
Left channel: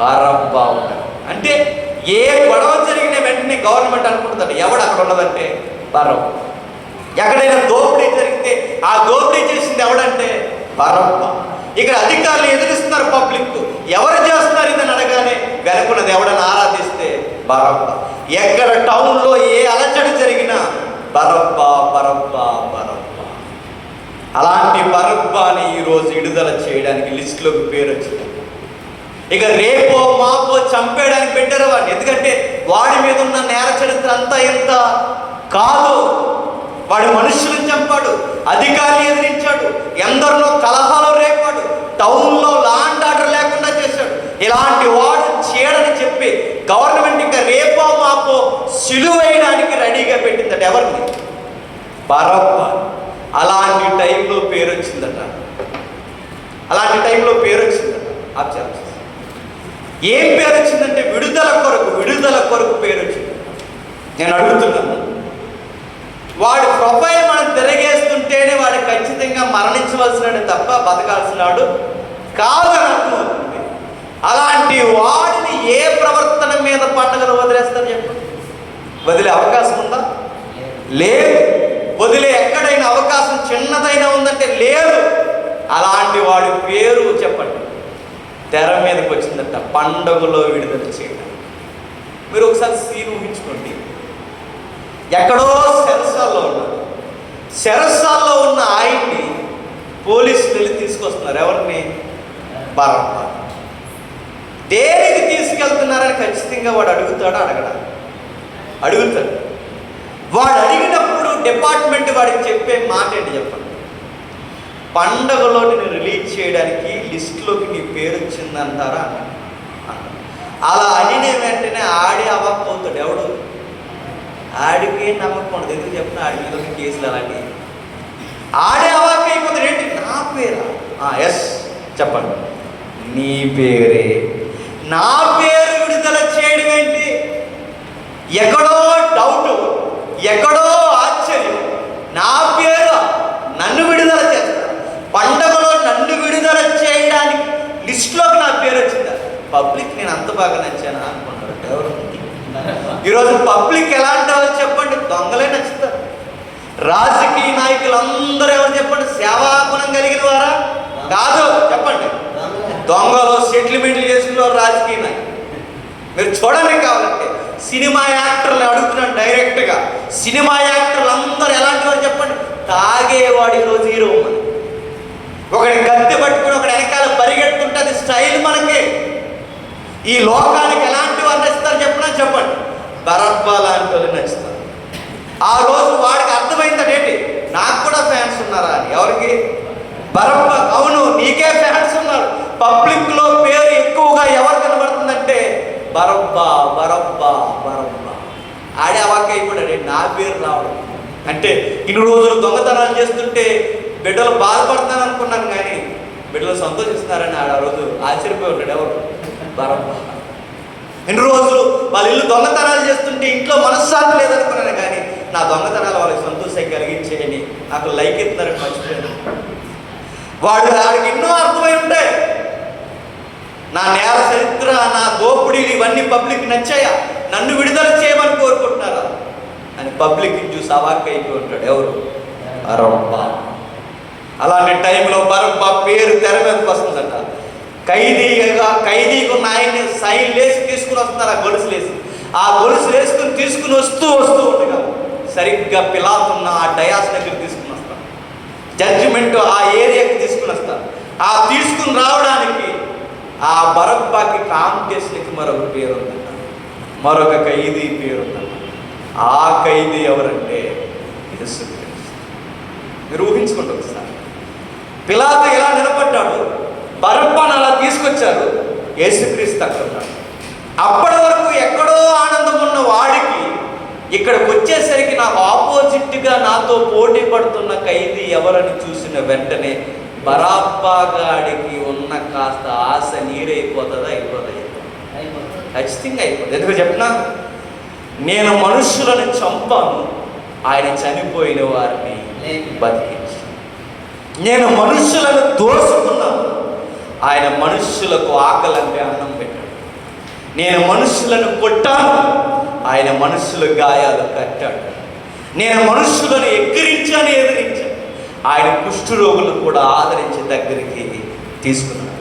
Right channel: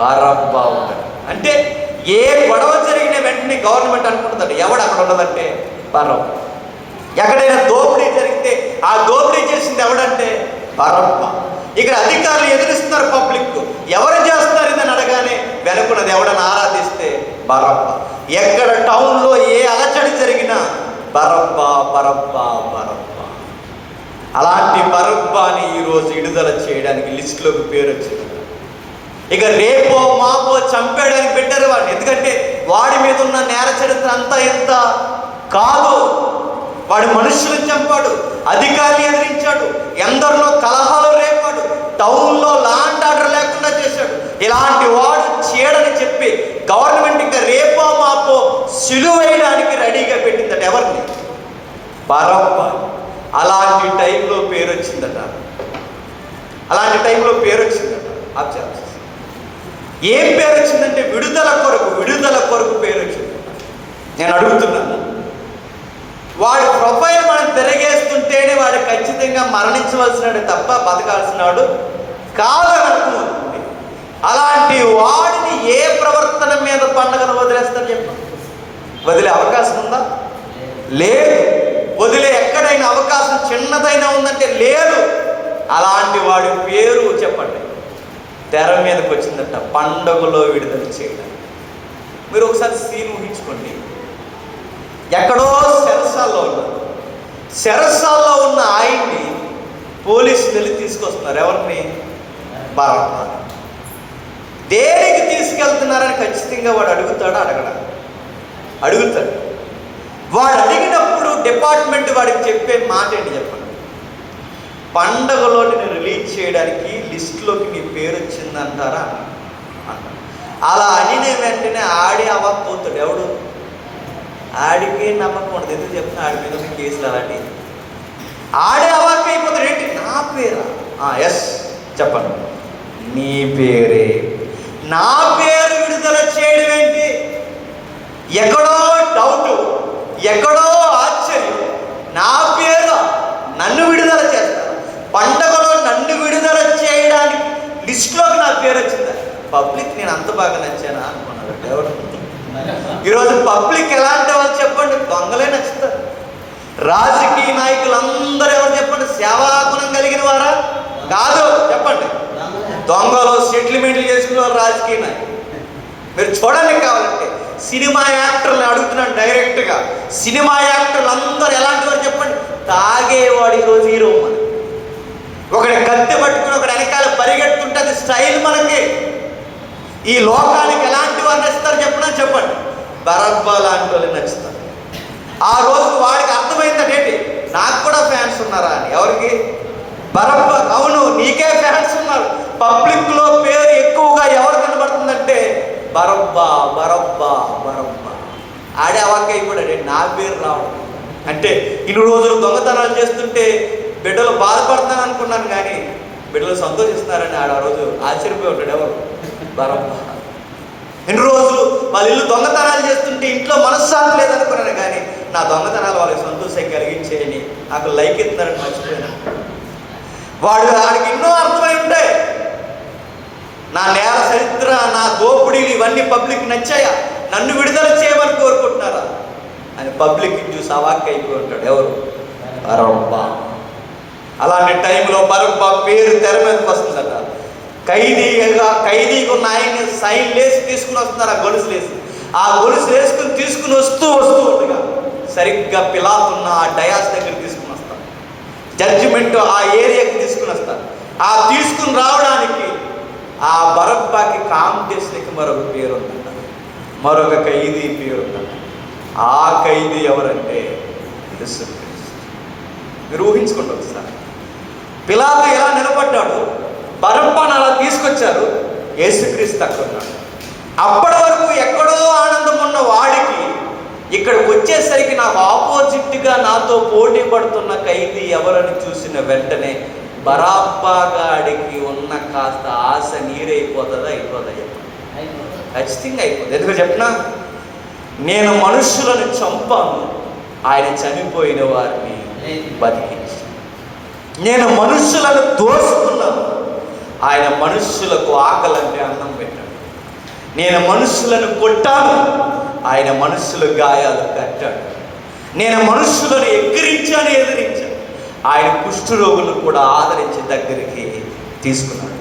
బరబ్బా ఉంటారు. అంటే ఏ గొడవ జరిగిన వెంటనే గవర్నమెంట్ అనుకుంటుంది ఎవడు అక్కడ ఉన్నదంటే బరబ్బా. ఎక్కడైనా దోపిడీ జరిగితే ఆ దోపిడీ చేసింది ఎవడంటే బరబ్బా. ఇక్కడ అధికారులు ఎదిరిస్తున్నారు, పబ్లిక్ ఎవరు చేస్తున్నారు ఇదని అడగానే వెనుకున్నది ఎవడని ఆరాధిస్తే బరబ్బా. ఎక్కడ టౌన్లో ఏ అలచడి జరిగినా బరబ్బా బరబ్బా బరబ్బా. అలాంటి బరబ్బాని ఈరోజు విడుదల చేయడానికి లిస్టులోకి పేరు వచ్చింది. ఇక రేపో మాపో చంపేయడానికి పెట్టారు వాడిని. ఎందుకంటే వాడి మీద ఉన్న నేర చరిత్ర అంతా ఎంత కాదు. వాడు మనుషులను చంపాడు, అధికారులు ఎదిరించాడు, ఎందరిలో కలహాలు రేపాడు, టౌన్లో లా అండ్ ఆర్డర్ లేకుండా చేశాడు. ఇలాంటి వాడు చేయడని చెప్పి గవర్నమెంట్ ఇంకా రేపో మాపో సిలువేయడానికి రెడీగా పెట్టిందట. ఎవరిని? బరబ్బా. అలాంటి టైంలో పేరు వచ్చిందట. అలాంటి టైంలో పేరు వచ్చిందట. ఆశ్చర్యం. ఏం పేరు వచ్చిందంటే విడుదల కొరకు పేరు వచ్చింది. నేను అడుగుతున్నాను, వాడి ప్రొఫైల్ మనం తిరగేస్తుంటేనే వాడు ఖచ్చితంగా మరణించవలసినాడు తప్ప బతకాల్సినాడు కాదని అర్థమవుతుంది. అలాంటి వాడిని ఏ ప్రవర్తన మీద పండుగలు వదిలేస్తారు చెప్పండి? వదిలే అవకాశం ఉందా? లేదు. వదిలే ఎక్కడైనా అవకాశం చిన్నదైనా ఉందంటే లేదు. అలాంటి వాడి పేరు చెప్పండి తెర మీదకి వచ్చిందట, పండుగలో విడుదల చేయడం. మీరు ఒకసారి సీన్ ఊహించుకోండి. ఎక్కడో చెరసాల్లో ఉన్నారు. చెరసాల్లో ఉన్న ఆయన్ని పోలీసులు వెళ్ళి తీసుకొస్తున్నారు. ఎవరిని? బరబ్బా. దేనికి తీసుకెళ్తున్నారని ఖచ్చితంగా వాడు అడుగుతాడా? అడుగుతాడు. వాడు అడిగినప్పుడు డిపార్ట్మెంట్ వాడికి చెప్పే మాట ఏంటి చెప్పండి? పండగలో నేను రిలీజ్ చేయడానికి లిస్టులోకి నీ పేరు వచ్చిందంటారా? అలా అడిగిన వెంటనే ఆడి అవ్వకపోతాడు. ఎవడు? ఆడికి నమ్మకం ఉండదు. ఎందుకు చెప్పిన ఆడి మీద కేసులు అలాంటి ఆడే అవాక్ అయిపోతాడు. ఏంటి? నా పేరా? ఎస్ చెప్పండి. నీ పేరే. నా పేరు విడుదల చేయడం ఏంటి? ఎక్కడో డౌట్, ఎక్కడో ఆశ్చర్యం. నా పేరు నన్ను విడుదల చేస్తా, పండగలో నన్ను విడుదల చేయడానికి లిస్టులోకి నా పేరు వచ్చిందా? పబ్లిక్ నేను అంత బాగా నచ్చానా అనుకున్నాడు ఎవరు? ఈరోజు పబ్లిక్ ఎలాంటి వాళ్ళు చెప్పండి? దొంగలే నచ్చుతారు. రాజకీయ నాయకులందరూ ఎవరు చెప్పండి? సేవాగుణం కలిగిన వారా? కాదు చెప్పండి. దొంగలు సెటిల్మెంట్లు చేసుకునే వాళ్ళు రాజకీయ నాయకులు. మీరు చూడండి కావాలంటే సినిమా యాక్టర్లు అడుగుతున్నాను డైరెక్ట్గా. సినిమా యాక్టర్లు అందరూ ఎలాంటి వారు చెప్పండి? తాగేవాడు ఈరోజు హీరో. ఒకటి కత్తి పట్టుకుని ఒకటి వెనకాల పరిగెట్టుకుంటుంది స్టైల్ మనకి. ఈ లోకానికి ఎలాంటి వారు నచ్చుతారు చెప్పండి? బరబ్బా లాంటి వాళ్ళు నచ్చుతారు. ఆ రోజు వాడికి అర్థమైందంటే నాకు కూడా ఫ్యాన్స్ ఉన్నారా అని. ఎవరికి? బరబ్బా. అవును, నీకే ఫ్యాన్స్ ఉన్నారు. పబ్లిక్ లో పేరు ఎక్కువగా ఎవరు కనబడుతుందంటే బరబ్బా బరబ్బా బరబ్బా. ఆడే అవాక్ అయిపోయాడు. నా పేరు రావడం అంటే ఇన్ని రోజులు దొంగతనాలు చేస్తుంటే బిడ్డలు బాధపడతాను అనుకున్నాను, కానీ బిడ్డలు సంతోషిస్తున్నారని ఆ రోజు ఆశ్చర్యపోయి ఉంటాడు. ఎవరు? బరబ్బా. ఎన్ని రోజులు వాళ్ళ ఇల్లు దొంగతనాలు చేస్తుంటే ఇంట్లో మనశ్శాంతి లేదనుకున్నాను, కానీ నా దొంగతనాలు వాళ్ళకి సంతోషం కలిగించేయని నాకు లైక్ ఎత్తారని మర్చిపోయాను. వాడికి ఎన్నో అర్థమై ఉంటాయి. నా నేల చరిత్ర, నా దోపిడీలు ఇవన్నీ పబ్లిక్ నచ్చాయా? నన్ను విడుదల చేయమని కోరుకుంటున్నారా అని పబ్లిక్ చూసి అవాక్ అయిపోయి ఉంటాడు. ఎవరు? బరబ్బా. అలాంటి టైంలో బరబ్బా పేరు తెర మీదకి వస్తుందట. ఖైదీగా ఉన్న ఆయన్ని సైన్ లేసి తీసుకుని వస్తున్నారు. ఆ గొలుసు లేసి తీసుకుని వస్తూ ఉండగా సరిగ్గా పిలాతున్న ఆ డయాస్ దగ్గర తీసుకుని వస్తారు. జడ్జిమెంట్ ఆ ఏరియాకి తీసుకుని వస్తారు. ఆ తీసుకుని రావడానికి ఆ బరబ్బాకి కాంపిటీషన్కి మరొక పేరు ఉంది, మరొక ఖైదీ పేరు ఉంది. ఆ ఖైదీ ఎవరంటే యేసుక్రీస్తు. మీరు ఊహించుకుంటారు ఒకసారి. పిలాతు ఇలా నిలబడ్డాడు, బరబ్బాను అలా తీసుకొచ్చారు, యేసుక్రీస్తు అక్కడ ఉన్నాడు. అప్పటి వరకు ఎక్కడో ఆనందం ఉన్న వాడికి ఇక్కడికి వచ్చేసరికి నాకు ఆపోజిట్గా నాతో పోటీ పడుతున్న ఖైదీ ఎవరని చూసిన వెంటనే బరబ్బా గాడికి ఉన్న కాస్త ఆశ నీరైపోతుందా? అయిపోతుంది. ఖచ్చితంగా అయిపోతుంది. ఎందుకు చెప్పినా, నేను మనుషులను చంపాను, ఆయన చనిపోయిన వారిని బతికించి. నేను మనుషులను దోసుకున్నాను, ఆయన మనుషులకు ఆకలంటే అన్నం పెట్టాడు. నేను మనుషులను కొట్టాను, ఆయన మనుషుల గాయాలు కట్టాడు. నేను మనుషులను ఎదిరించాను, ఆయన కుష్ఠరోగులు కూడా ఆదరించి దగ్గరికి తీసుకున్నాడు.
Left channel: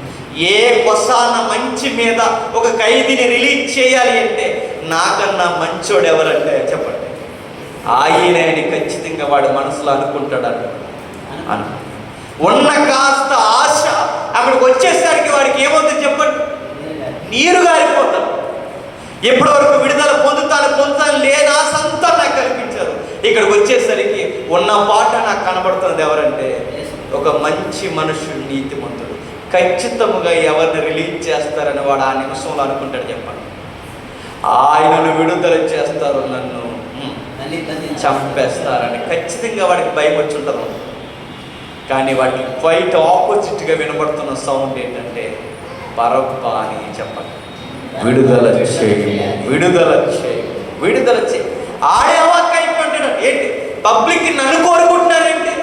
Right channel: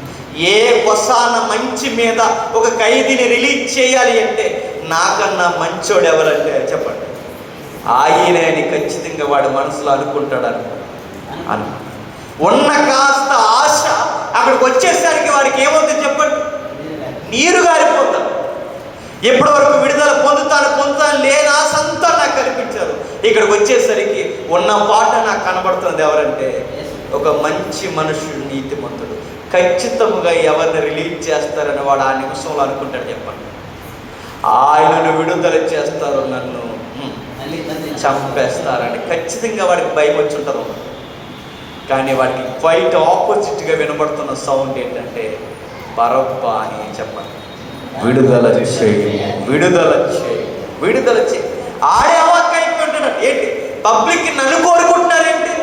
ఏ కొసాన మంచి మీద ఒక ఖైదీని రిలీజ్ చేయాలి అంటే నాకన్నా మంచోడు ఎవరంటే చెప్పండి? ఆయనని ఖచ్చితంగా వాడి మనసులో అనుకుంటాడు. ఉన్న కాస్త ఆశ అక్కడికి వచ్చేసరికి వాడికి ఏమవుతుంది చెప్పండి? నీరు గారిపోతాడు. ఎప్పటి వరకు విడుదల పొందుతాను లేదా సంతా నాకు కల్పించారు. ఇక్కడికి వచ్చేసరికి ఉన్న పాట నాకు కనబడుతుంది. ఎవరంటే ఒక మంచి మనుషుడు, నీతిమంతుడు. ఖచ్చితంగా ఎవరిని రిలీజ్ చేస్తారని వాడు ఆ నిమిషంలో అనుకుంటాడు. చెప్పండి, ఆయనను విడుదల చేస్తారు, నన్ను చంపేస్తారని ఖచ్చితంగా వాడికి భయం వచ్చి ఉంటారు. కానీ వాడికి క్వైట్ ఆపోజిట్గా వినబడుతున్న సౌండ్ ఏంటంటే బరబ్బా అని చెప్పండి. విడుదల చేయి. ఆడే అవాక్ అయిపోతాడు. ఏంటి? పబ్లిక్ నన్ను కోరుకుంటున్నారేంటి?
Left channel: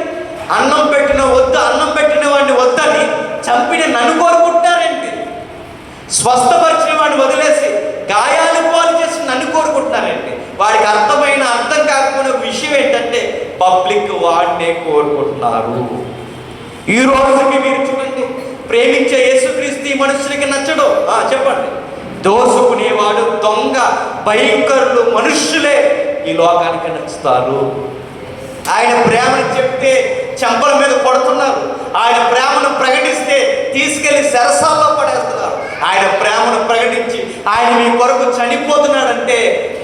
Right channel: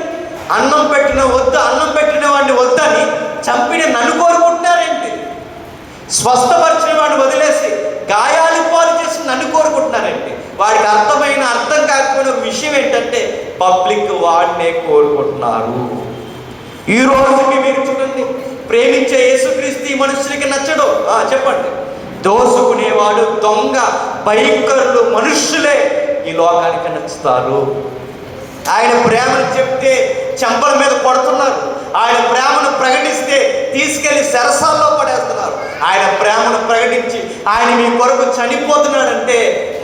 అన్నం పెట్టిన వద్దు, అన్నం పెట్టిన వాడిని వద్దని చంపిన నన్ను కోరుకుంటున్నారేంటి? స్వస్థపరిచిన వాడిని వదిలేసి గాయాలు పాలు చేసి నన్ను కోరుకుంటున్నారేంటి? వాడికి అర్థం కాకపోయిన విషయం ఏంటంటే పబ్లిక్ వాడినే కోరుకుంటున్నారు. ఈ రోజుకి మీరు చూడండి, ప్రేమించే యేసుక్రీస్తు ఈ మనుషులకి నచ్చడు. చెప్పండి. దోసుకునేవాడు, దొంగ, భయంకరులు మనుష్యులే ఈ లోకానికి నచ్చుతారు. ఆయన ప్రేమను చెప్తే చెంపల మీద కొడుతున్నారు. ఆయన ప్రేమను ప్రకటిస్తే తీసుకెళ్లి సరసాల్లో పడేస్తున్నారు. ఆయన ప్రేమను ప్రకటించి ఆయన మీ కొరకు చనిపోతున్నాడంటే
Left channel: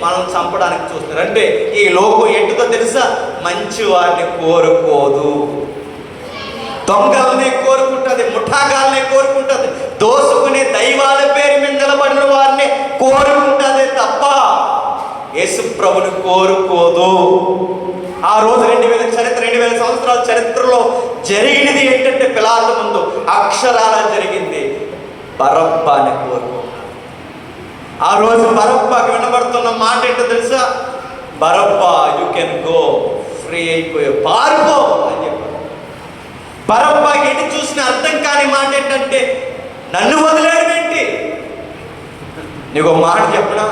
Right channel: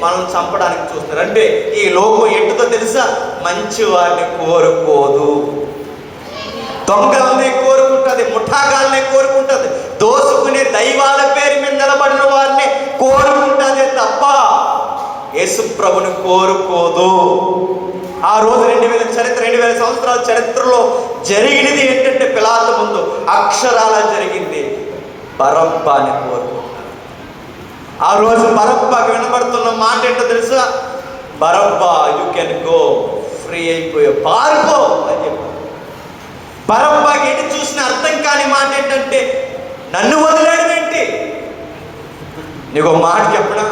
మనం చంపడానికి చూస్తున్నారు. అంటే ఈ లోకం ఏంటిదో తెలుసా? మంచి వారిని కోరుకోదు, దొంగలనే కోరుకుంటుంది, ముఠాగాలనే కోరుకుంటుంది, దోసుకునే దైవాల పేరు మీద నిలబడిన వారిని కోరుకుంటుంది తప్ప యేసు ప్రభుని కోరుకోదు. ఆ రోజు 2000 సంవత్సరాల చరిత్రలో జరిగినది ఏంటంటే పిలాతు ముందు అక్షరాల జరిగింది. బరబ్బాని కోరుకుంటారు. ఆ రోజు బరబ్బాకి వినబడుతున్న మాట ఏంటో తెలుసా? Barabbas, you can go, free అయిపోయే, పారిపో అని చెప్పారు. బరబ్బాకి ఎటు చూసిన అర్థం కాని మాట ఏంటంటే నన్ను వదిలేయడం ఏంటి? నీకు మాట చెప్పనా?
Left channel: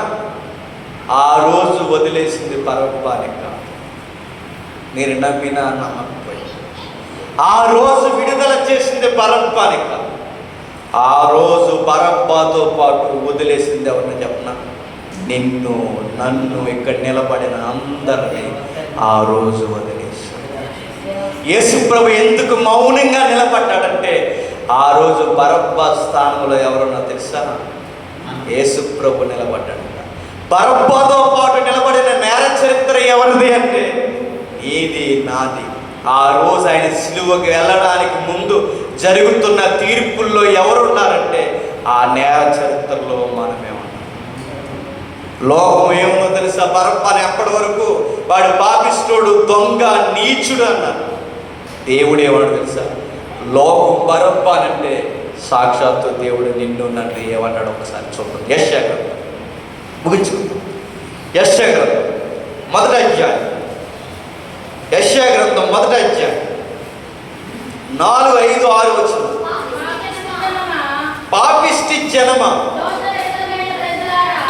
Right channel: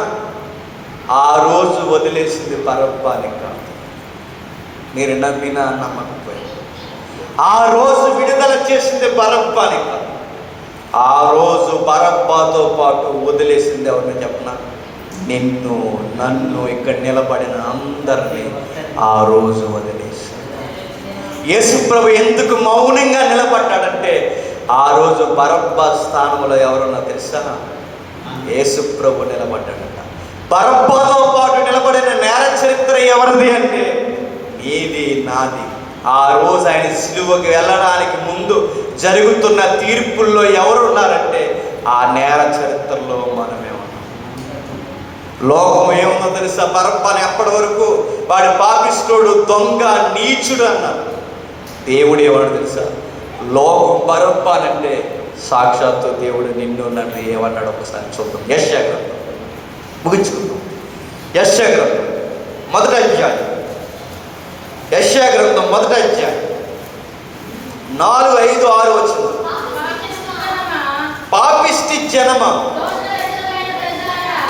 ఆ రోజు వదిలేసింది బరబ్బాని కాదు, మీరు నమ్మినా నమ్మకపోయింది. ఆ రోజు విడుదల చేసింది బరబ్బాని కాదు, ఆ రోజు బరబ్బాతో పాటు వదిలేసింది ఎవరిని చెప్పనా? నిన్ను, నన్ను, ఇక్కడ నిలబడిన అందరినీ ఆ రోజు వదిలేసి. యేసు ప్రభు ఎందుకు మౌనంగా నిలబడ్డాడంటే ఆ రోజు బరబ్బా స్థానంలో ఎవరన్నా తెలుసా? యేసు ప్రభు నిలబడ్డాడు. బరబ్బాతో పాటు నిలబడిన నేర చరిత్ర ఎవరిది అంటే నీది, నాది. ఆ రోజు ఆయన సిలువకు వెళ్ళడానికి ముందు జరుగుతున్న తీర్పుల్లో ఎవరున్నారంటే ఆ నేర చరిత్రలో మనమే ఉన్నాం. లోకం ఏముందో తెలుసా? బరబ్బాని అప్పటి వరకు వాడు పాపిష్టుడు, దొంగ, నీచుడు అన్నారు. దేవుడు ఏమన్నా తెలుసా? లోకం బరబ్బానంటే సాక్షాత్తు దేవుడు నిన్ను నన్ను ఏమన్నాడు ఒకసారి చూడండి. యెషయా గ్రంథం ముగించుకుందాం. యెషయా గ్రంథం మొదటి అధ్యాయం, యెషయా గ్రంథం మొదటి అధ్యాయం 4, 5, 6 వచనం. పాపిష్టి జనమ,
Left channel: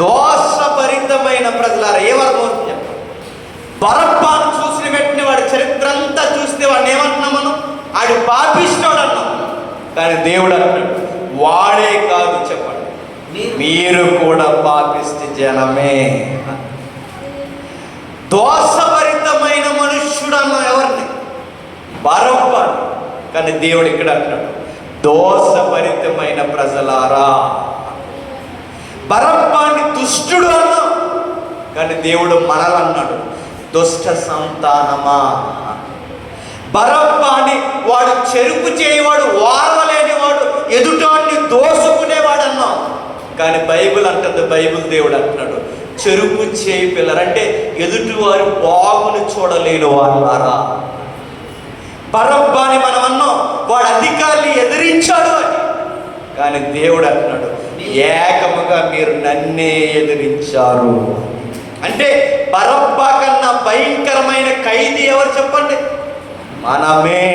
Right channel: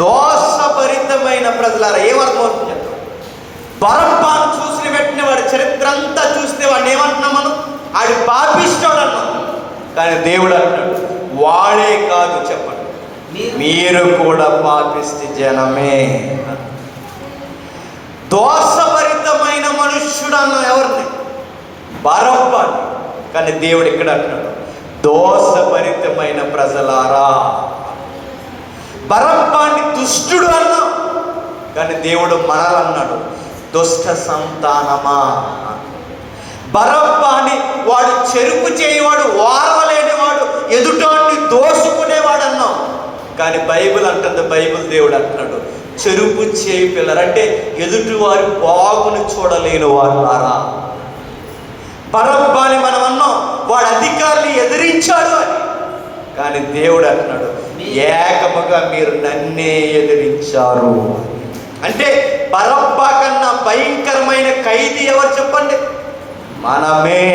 దోషభరితమైన ప్రజలారా. ఏమర్థమవుతుంది? బరబ్బాను చూసిన వెంటనే వాడి చరిత్ర అంతా చూస్తే వాడిని ఏమంటున్నాం మనం? ఆడు పాపిష్టోడు అన్నాం. కానీ దేవుడు అంటాడు వాడే కాదు, చెప్పండి, మీరు కూడా పాపిష్టి జనమే. దోషభరితమైన మనుష్యుడు అన్నా ఎవరిని? బరబ్బాని. కానీ దేవుడు ఇక్కడ అంటున్నాడు దోషభరితమైన ప్రజలారా. బరబ్బాని దుష్టుడు అన్నా, కానీ దేవుడు మనలన్నాడు దుష్ట సంతానమా. బరబ్బాని వాడు చెరుపు చేయవాడు, వారవలేనివాడు, ఎదుటాన్ని దోసుకునేవాడు అన్నాం. కానీ బైబిల్ అంటుంది, బైబిల్ దేవుడు అంటున్నాడు చెరుపు చేయి పిల్లలు, అంటే ఎదుటివారు బాగును చూడలేని వారులారా. బరబ్బాని మనం అన్నాం వాడు అధికారులు ఎదిరించాడు అని. కానీ దేవుడు అంటున్నాడు ఏకముగా మీరు నన్నే ఎదిరించారు. అంటే బరబ్బా కన్నా భయంకరమైన ఖైదీ ఎవరు చెప్పండి? మనమే.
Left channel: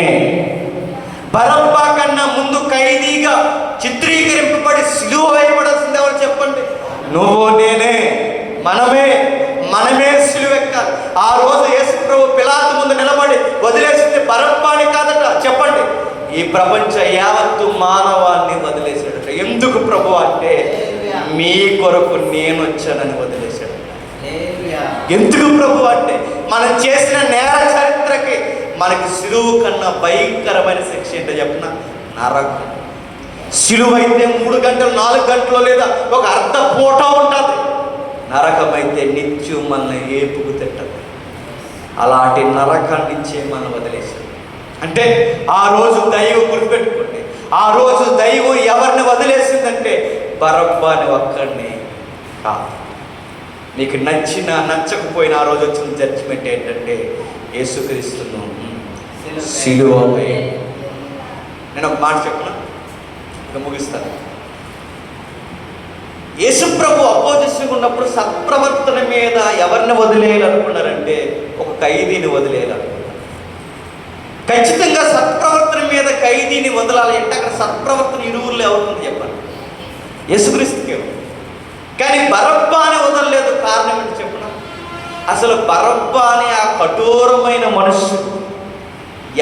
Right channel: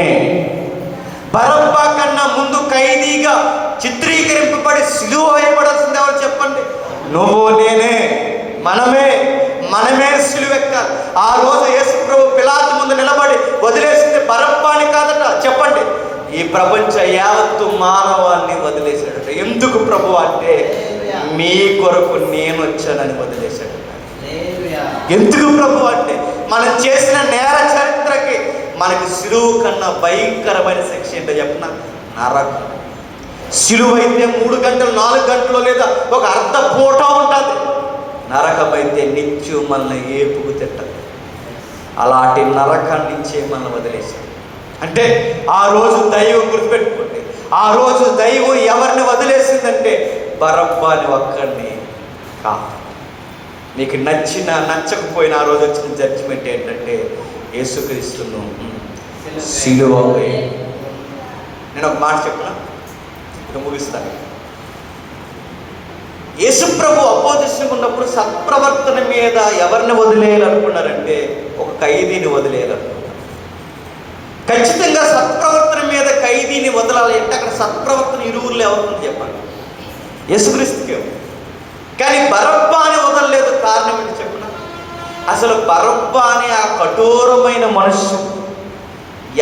బరబ్బా కన్నా ముందు ఖైదీగా చిత్రీకరింపబడి సిలువ వేయబడాల్సింది ఎవరు చెప్పండి? నువ్వు, నేనే, మనమే సిలువెక్కాలి. ఆ రోజు యేసు ప్రభు పిలాతు ముందు నిలబడి వదిలేసింది బరబ్బాని కాదట. చెప్పండి, ఈ ప్రపంచ యావత్తు మానవాన్ని వదిలేశాడు. ఎందుకు ప్రభు అంటే మీ కొరకు నేను వచ్చానని వదిలేశాడు. ఎందుకు ప్రభు అంటే మనం చేసిన నేర చరిత్రకి మనకి సిలువు కన్నా భయంకరమైన శిక్ష ఏంటో చెప్పిన నరకం. సిలువ అయితే 3 గంటలు 4 గంటలు లేదా ఒక అర్ధ పూట ఉంటుంది. నరకం అయితే నిత్యం మనల్ని ఏపుకు తిట్టదు. అలాంటి నరకాన్ని నుంచే మనం వదిలేసాం. అంటే ఆ రోజు దైవం గుర్తుపెట్టుకోండి, ఆ రోజు దైవం ఎవరిని వదిలేసిందంటే బరబ్బాని ఒక్కడిని కాదు. నీకు నచ్చినా నచ్చకపోయినా ఆ రోజు వచ్చిన జడ్జిమెంట్ ఏంటంటే యేసుక్రీస్తును సిలువ వేయండి. నేను ఒక మాట చెప్పిన ముగిస్తాను. యేసుప్రభు అపోజిషన్ ఉన్నప్పుడు సత్ప్రవర్తన మీద ఎవరిని వదిలేయాలనుకున్నారంటే ఒక ఖైదీని వదిలేయాలనుకున్నారు. ఖచ్చితంగా సత్ప్రవర్తన మీద ఖైదీని వదలాలి అంటే అక్కడ సత్ప్రవర్తన ఇరువుల్లో ఎవరుంది చెప్పండి? యేసుక్రీస్తుకే. కానీ బరబ్బా అని వదలలేదు. కారణం ఏంటి చెప్పిన? అసలు బరబ్బా అనే ఆ కఠోరమైన మనుషుడు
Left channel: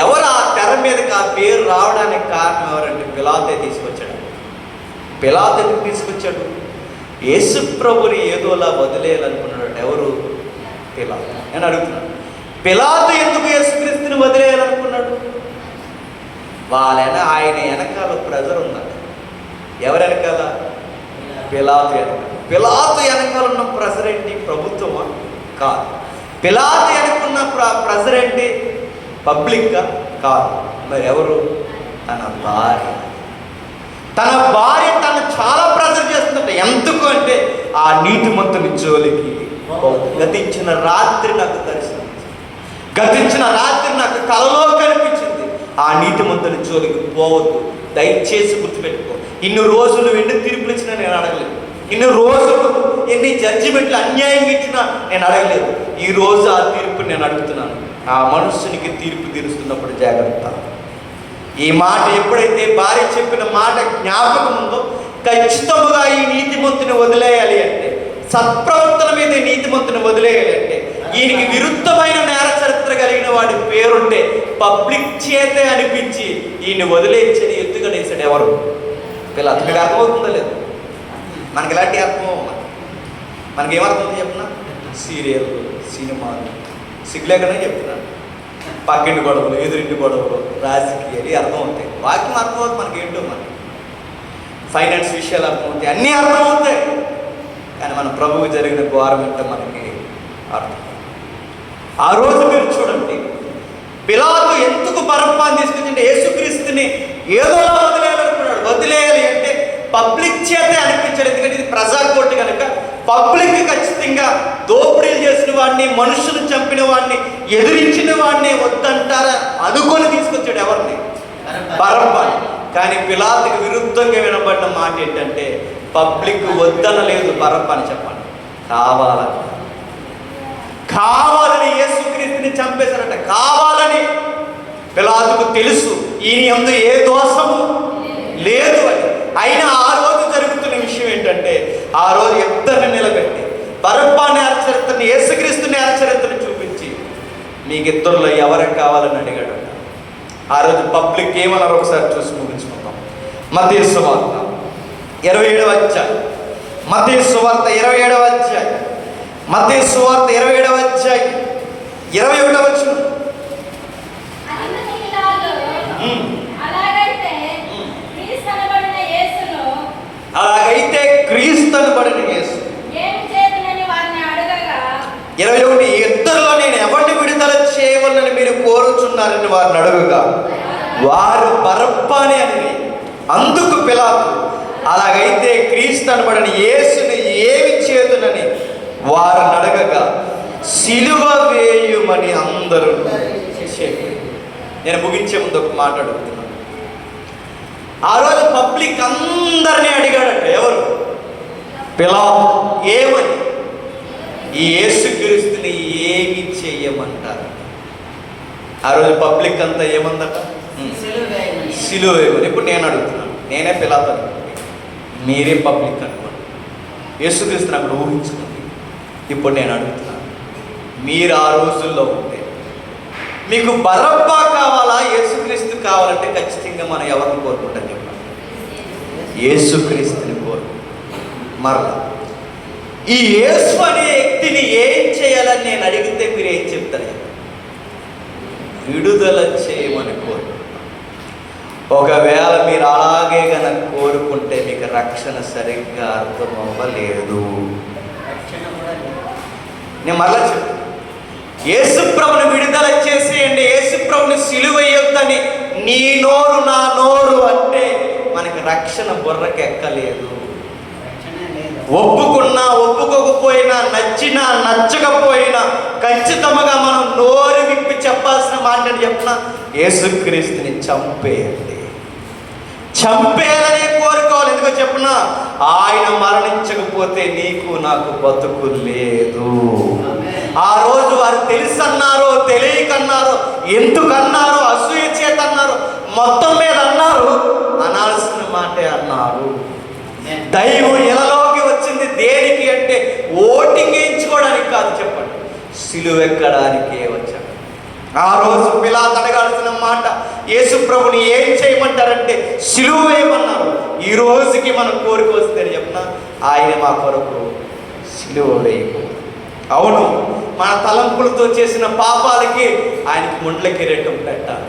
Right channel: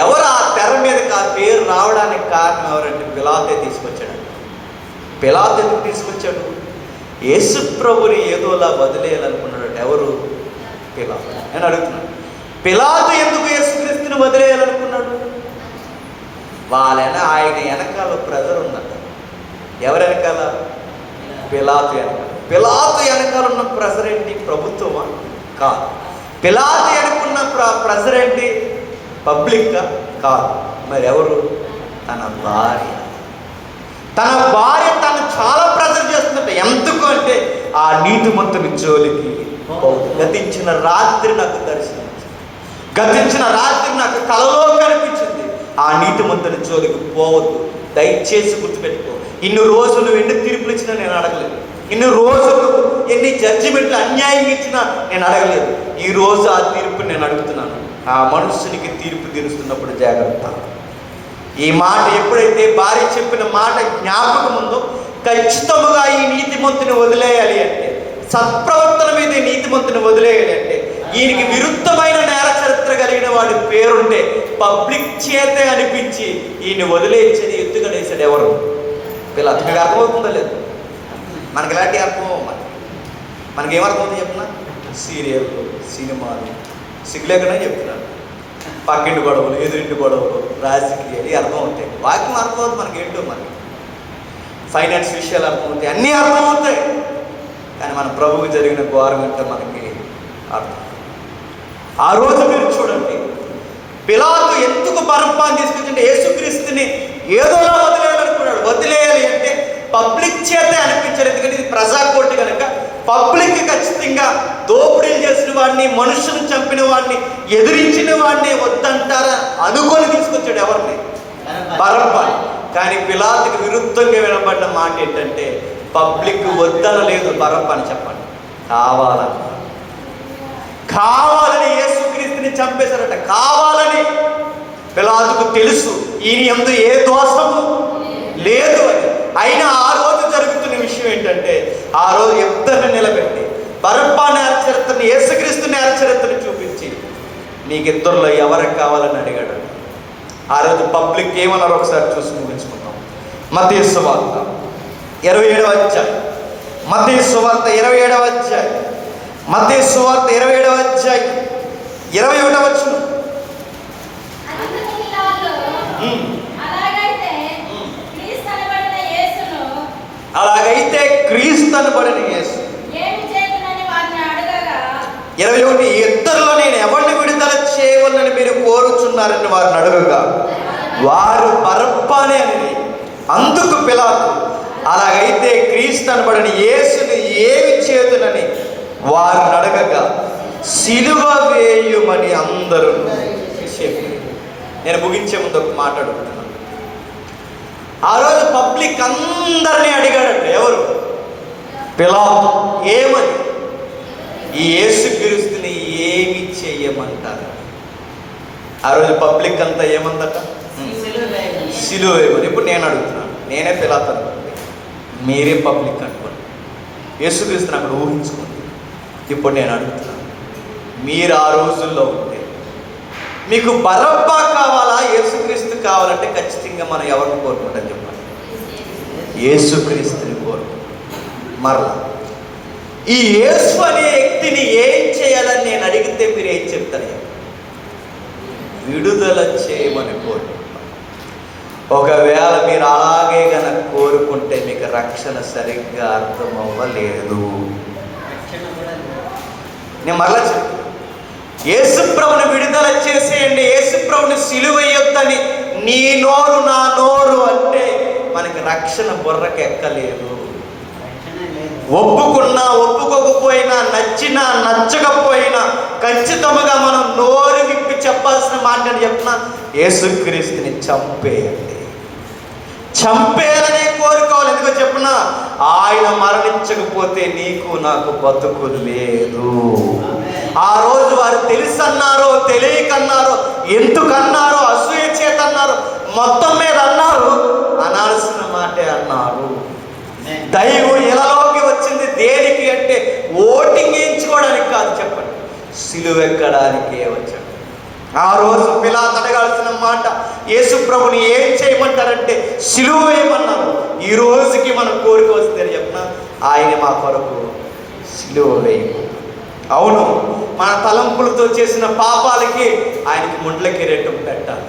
ఎవరు ఆ తెర మీదకి ఆ పేరు రావడానికి కారణం ఎవరంటే పిలాతే తీసుకొచ్చాడు. పిలాతు ఎందుకు తీసుకొచ్చాడు? యేసు ప్రభుని ఏదోలా వదిలేయాలనుకున్నాడు. ఎవరు? పిలాతు. నేను అడుగుతున్నాను, పిలాతు ఎందుకు యేసుక్రీస్తుని వదిలేయాలనుకున్నాడు? ఆయన వెనకాల ప్రజలు ఉన్నారు. ఎవరు వెనకాల? పిలాతు వెనకాల. పిలాతు వెనకాల ఉన్న ప్రెసిడెంట్ ప్రభుత్వమా? కాదు. పిలాతు వెనుకున్న ప్రెసిడెంట్ పబ్లిక్ కాదు. మరి ఎవరు? తన భార్య. తన భార్య తను చాలా ప్రెజర్ చేస్తున్నట్టు. ఎందుకు అంటే ఆ నీతిమంతుని జోలికి గతించిన రాత్రి నాకు దర్శించింది, గతించిన రాత్రి నాకు కలలో కనిపించింది. ఆ నీతిమంతుని జోలికి పోవద్దు. దయచేసి గుర్తుపెట్టుకో. ఇన్ని రోజులు ఎన్ని తీర్పులు ఇచ్చినా నేను అడగలేదు. ఇన్ని రోజులు ఎన్ని జడ్జిమెంట్లు అన్యాయం ఇచ్చినా నేను అడగలేదు. ఈ రోజు ఆ తీర్పు నేను అడుగుతున్నాను. ఆ మనుషునికి తీర్పు తీరుస్తున్నప్పుడు జాగ్రత్త. ఈ మాట ఎప్పుడైతే భార్య చెప్పిన మాట జ్ఞాపకం ఉందో, ఖచ్చితంగా ఈ నీతిమంతుని వదిలేయాలి అంటే, సత్ప్రవర్తన మీద నీతిమంతుని వదిలేయాలి అంటే, ఈయనకి విరుద్ధమైన నేర చరిత్ర కలిగిన వాడి పేరుంటే పబ్లిక్ చేతే అనిపించి ఈయన వదిలేసేది ఎత్తుగడేసాడు ఎవరు? ఇలా మీకు అర్థమవుతుందో లేదు? మనకి ఎలాంటి అర్థం? మనకి ఏమర్థమవుతుంది చెప్పిన? సీరియల్, సినిమాలు, సిగ్గులేకనే చెప్తున్నాను. పక్కింటి గొడవలు, ఎదురింటి గొడవలు, రాజకీయాలు అర్థమవుతాయి. వాక్యం అర్థమవుతుంది. మనకి ఏంటో మనకి ఫైనాన్స్ విషయాలు అర్థమవుతాయి, అన్నీ అర్థమవుతాయి. కానీ మన ప్రభువు జరిగిన ఘోరం అంటే మనకి అర్థం. ఆ రోజు మీరు చూడండి, పిలాతు ఎందుకు బరబ్బాని తీసుకొచ్చింటే యేసుక్రీస్తుని ఏదోలా వదిలేయాలనుకున్నాడు. వదిలేయాలి అంటే పబ్లిక్ చేతే అనిపించాలి. ఎందుకంటే ఇది ప్రజాకోర్టు కనుక పబ్లిక్ ఖచ్చితంగా దోపిడీలు చేసిన వాడిని, మనుషులు చంపిన వాడిని, ఎదిరించిన వాడిని వద్దంటారా అనుకొని తీసుకొచ్చాడు. ఎవరిని? బరబ్బాని. కానీ పిలాతుకి విరుద్ధంగా వినబడిన మాట ఏంటంటే పబ్లిక్ వద్దనలేదు, బరబ్బాని చెప్పండి. కావాలని యేసుక్రీస్తుని చంపేశారట. కావాలని. పిలాతుకు తెలుసు ఈయన యందు ఏ దోషము లేదు అని. అయినా ఆ రోజు జరుగుతున్న విషయం ఏంటంటే, ఆ రోజు ఇద్దరిని నిలబెట్టి బరబ్బా నేర చరిత్రని, యేసుక్రీస్తు నేర చరిత్రని చూపించి మీకు ఇద్దరిలో ఎవరికి కావాలని అడిగాడు. ఆ రోజు పబ్లిక్ ఏమన్నారు ఒకసారి చూసి ముగించుకుంటాం. మత్తయి సువార్త 27వ అధ్యాయం. మత్తయి సువార్త 27వ అధ్యాయం. మత్తయి సువార్త 27వ అధ్యాయం 21వ వచనం. అలాగైతే క్రీస్తు అనబడిన యేసు 21 ఇద్దరిలో నేను ఎవరిని విడుదల చేయవలని మీరు కోరుచున్నారని వారిని అడుగుగా వారు బరబ్బానే అని. అందుకు పిలాతు అలాగైతే క్రీస్తు అనబడిన యేసుని ఏమి చేతునని వారిని అడగగా సిలువ వేయుమని అందరూ చెప్పారు. నేను ముగించే ముందు ఒక మాట అడుగుతున్నాను. ఆ రోజు పబ్లిక్ అందరినీ అడిగాడంట. ఎవరు? పిలాతు. ఏమని? ఈ యేసుక్రీస్తుని ఏమి చెయ్యమంటారు? ఆ రోజు పబ్లిక్ అంతా ఏమందట? సిలువ వేయమని. ఇప్పుడు నేను అడుగుతున్నాను. నేనే పిలాతు అనుకోండి, మీరే పబ్లిక్ అనుకోండి. యేసుక్రీస్తుని అక్కడ ఊహించుకుంది. ఇప్పుడు నేను అడుగుతున్నాను, మీరు ఆ రోజుల్లో ఉంటే మీకు బరబ్బా కావాలా, యేసుక్రీస్తు కావాలంటే ఖచ్చితంగా మనం ఎవరిని కోరుకుంటాం చెప్పండి? యేసుక్రీస్తుని కోరుకుంటాం. మరలా ఈ యేసు అనే వ్యక్తిని ఏం చేయాలని నేను అడిగితే మీరు ఏం చెప్తారు? విడుదల చేయమని కోరు. ఒకవేళ మీరు అలాగే కనుక కోరుకుంటే మీకు రక్షణ సరిగ్గా అర్థం అవ్వలేదు. నేను మరలా చెప్తాను, యేసుప్రభుని విడుదల చేసేయండి, యేసుప్రభుని సిలువేయొద్దని నీ నోరు నా నోరు అంటే మనకి రక్షణ బుర్రకి ఎక్కలేదు. ఒప్పుకున్నా ఒప్పుకోకపోయినా, నచ్చినా నచ్చకపోయినా ఖచ్చితంగా మనం నోరు విప్పి చెప్పాల్సిన మాట చెప్పిన యేసుక్రీస్తుని చంపేయాలి. చంపేయాలనే కోరుకోవాలి. ఎందుకో చెప్పిన ఆయన మరణించకపోతే నీకు నాకు బతుకు లేదు. ఆ రోజు వారు తెలుసన్నారో తెలియకన్నారో, ఎందుకన్నారో, అసూయ చేత అన్నారు, మొత్తం మీద అన్నారు, అనాల్సిన మాటే అన్నారు. దైవం ఇలాలోకి వచ్చింది దేనికి అంటే ఓటింగ్ వేయించుకోవడానికి కాదు, చెప్పండి, సిలువెక్కడానికే వచ్చాడు. ఆ రోజు పిలాతు అడగాల్సిన మాట, యేసు ప్రభుని ఏం చేయమంటారంటే సిలువ వేయమన్నారు. ఈ రోజుకి మన కోరిక వస్తుందని చెప్పిన ఆయన మా కొరకు సిలువ వేయ. అవును, మన తలంపులతో చేసిన పాపాలకి ఆయనకి ముండ్ల కిరీటం పెట్టాలి.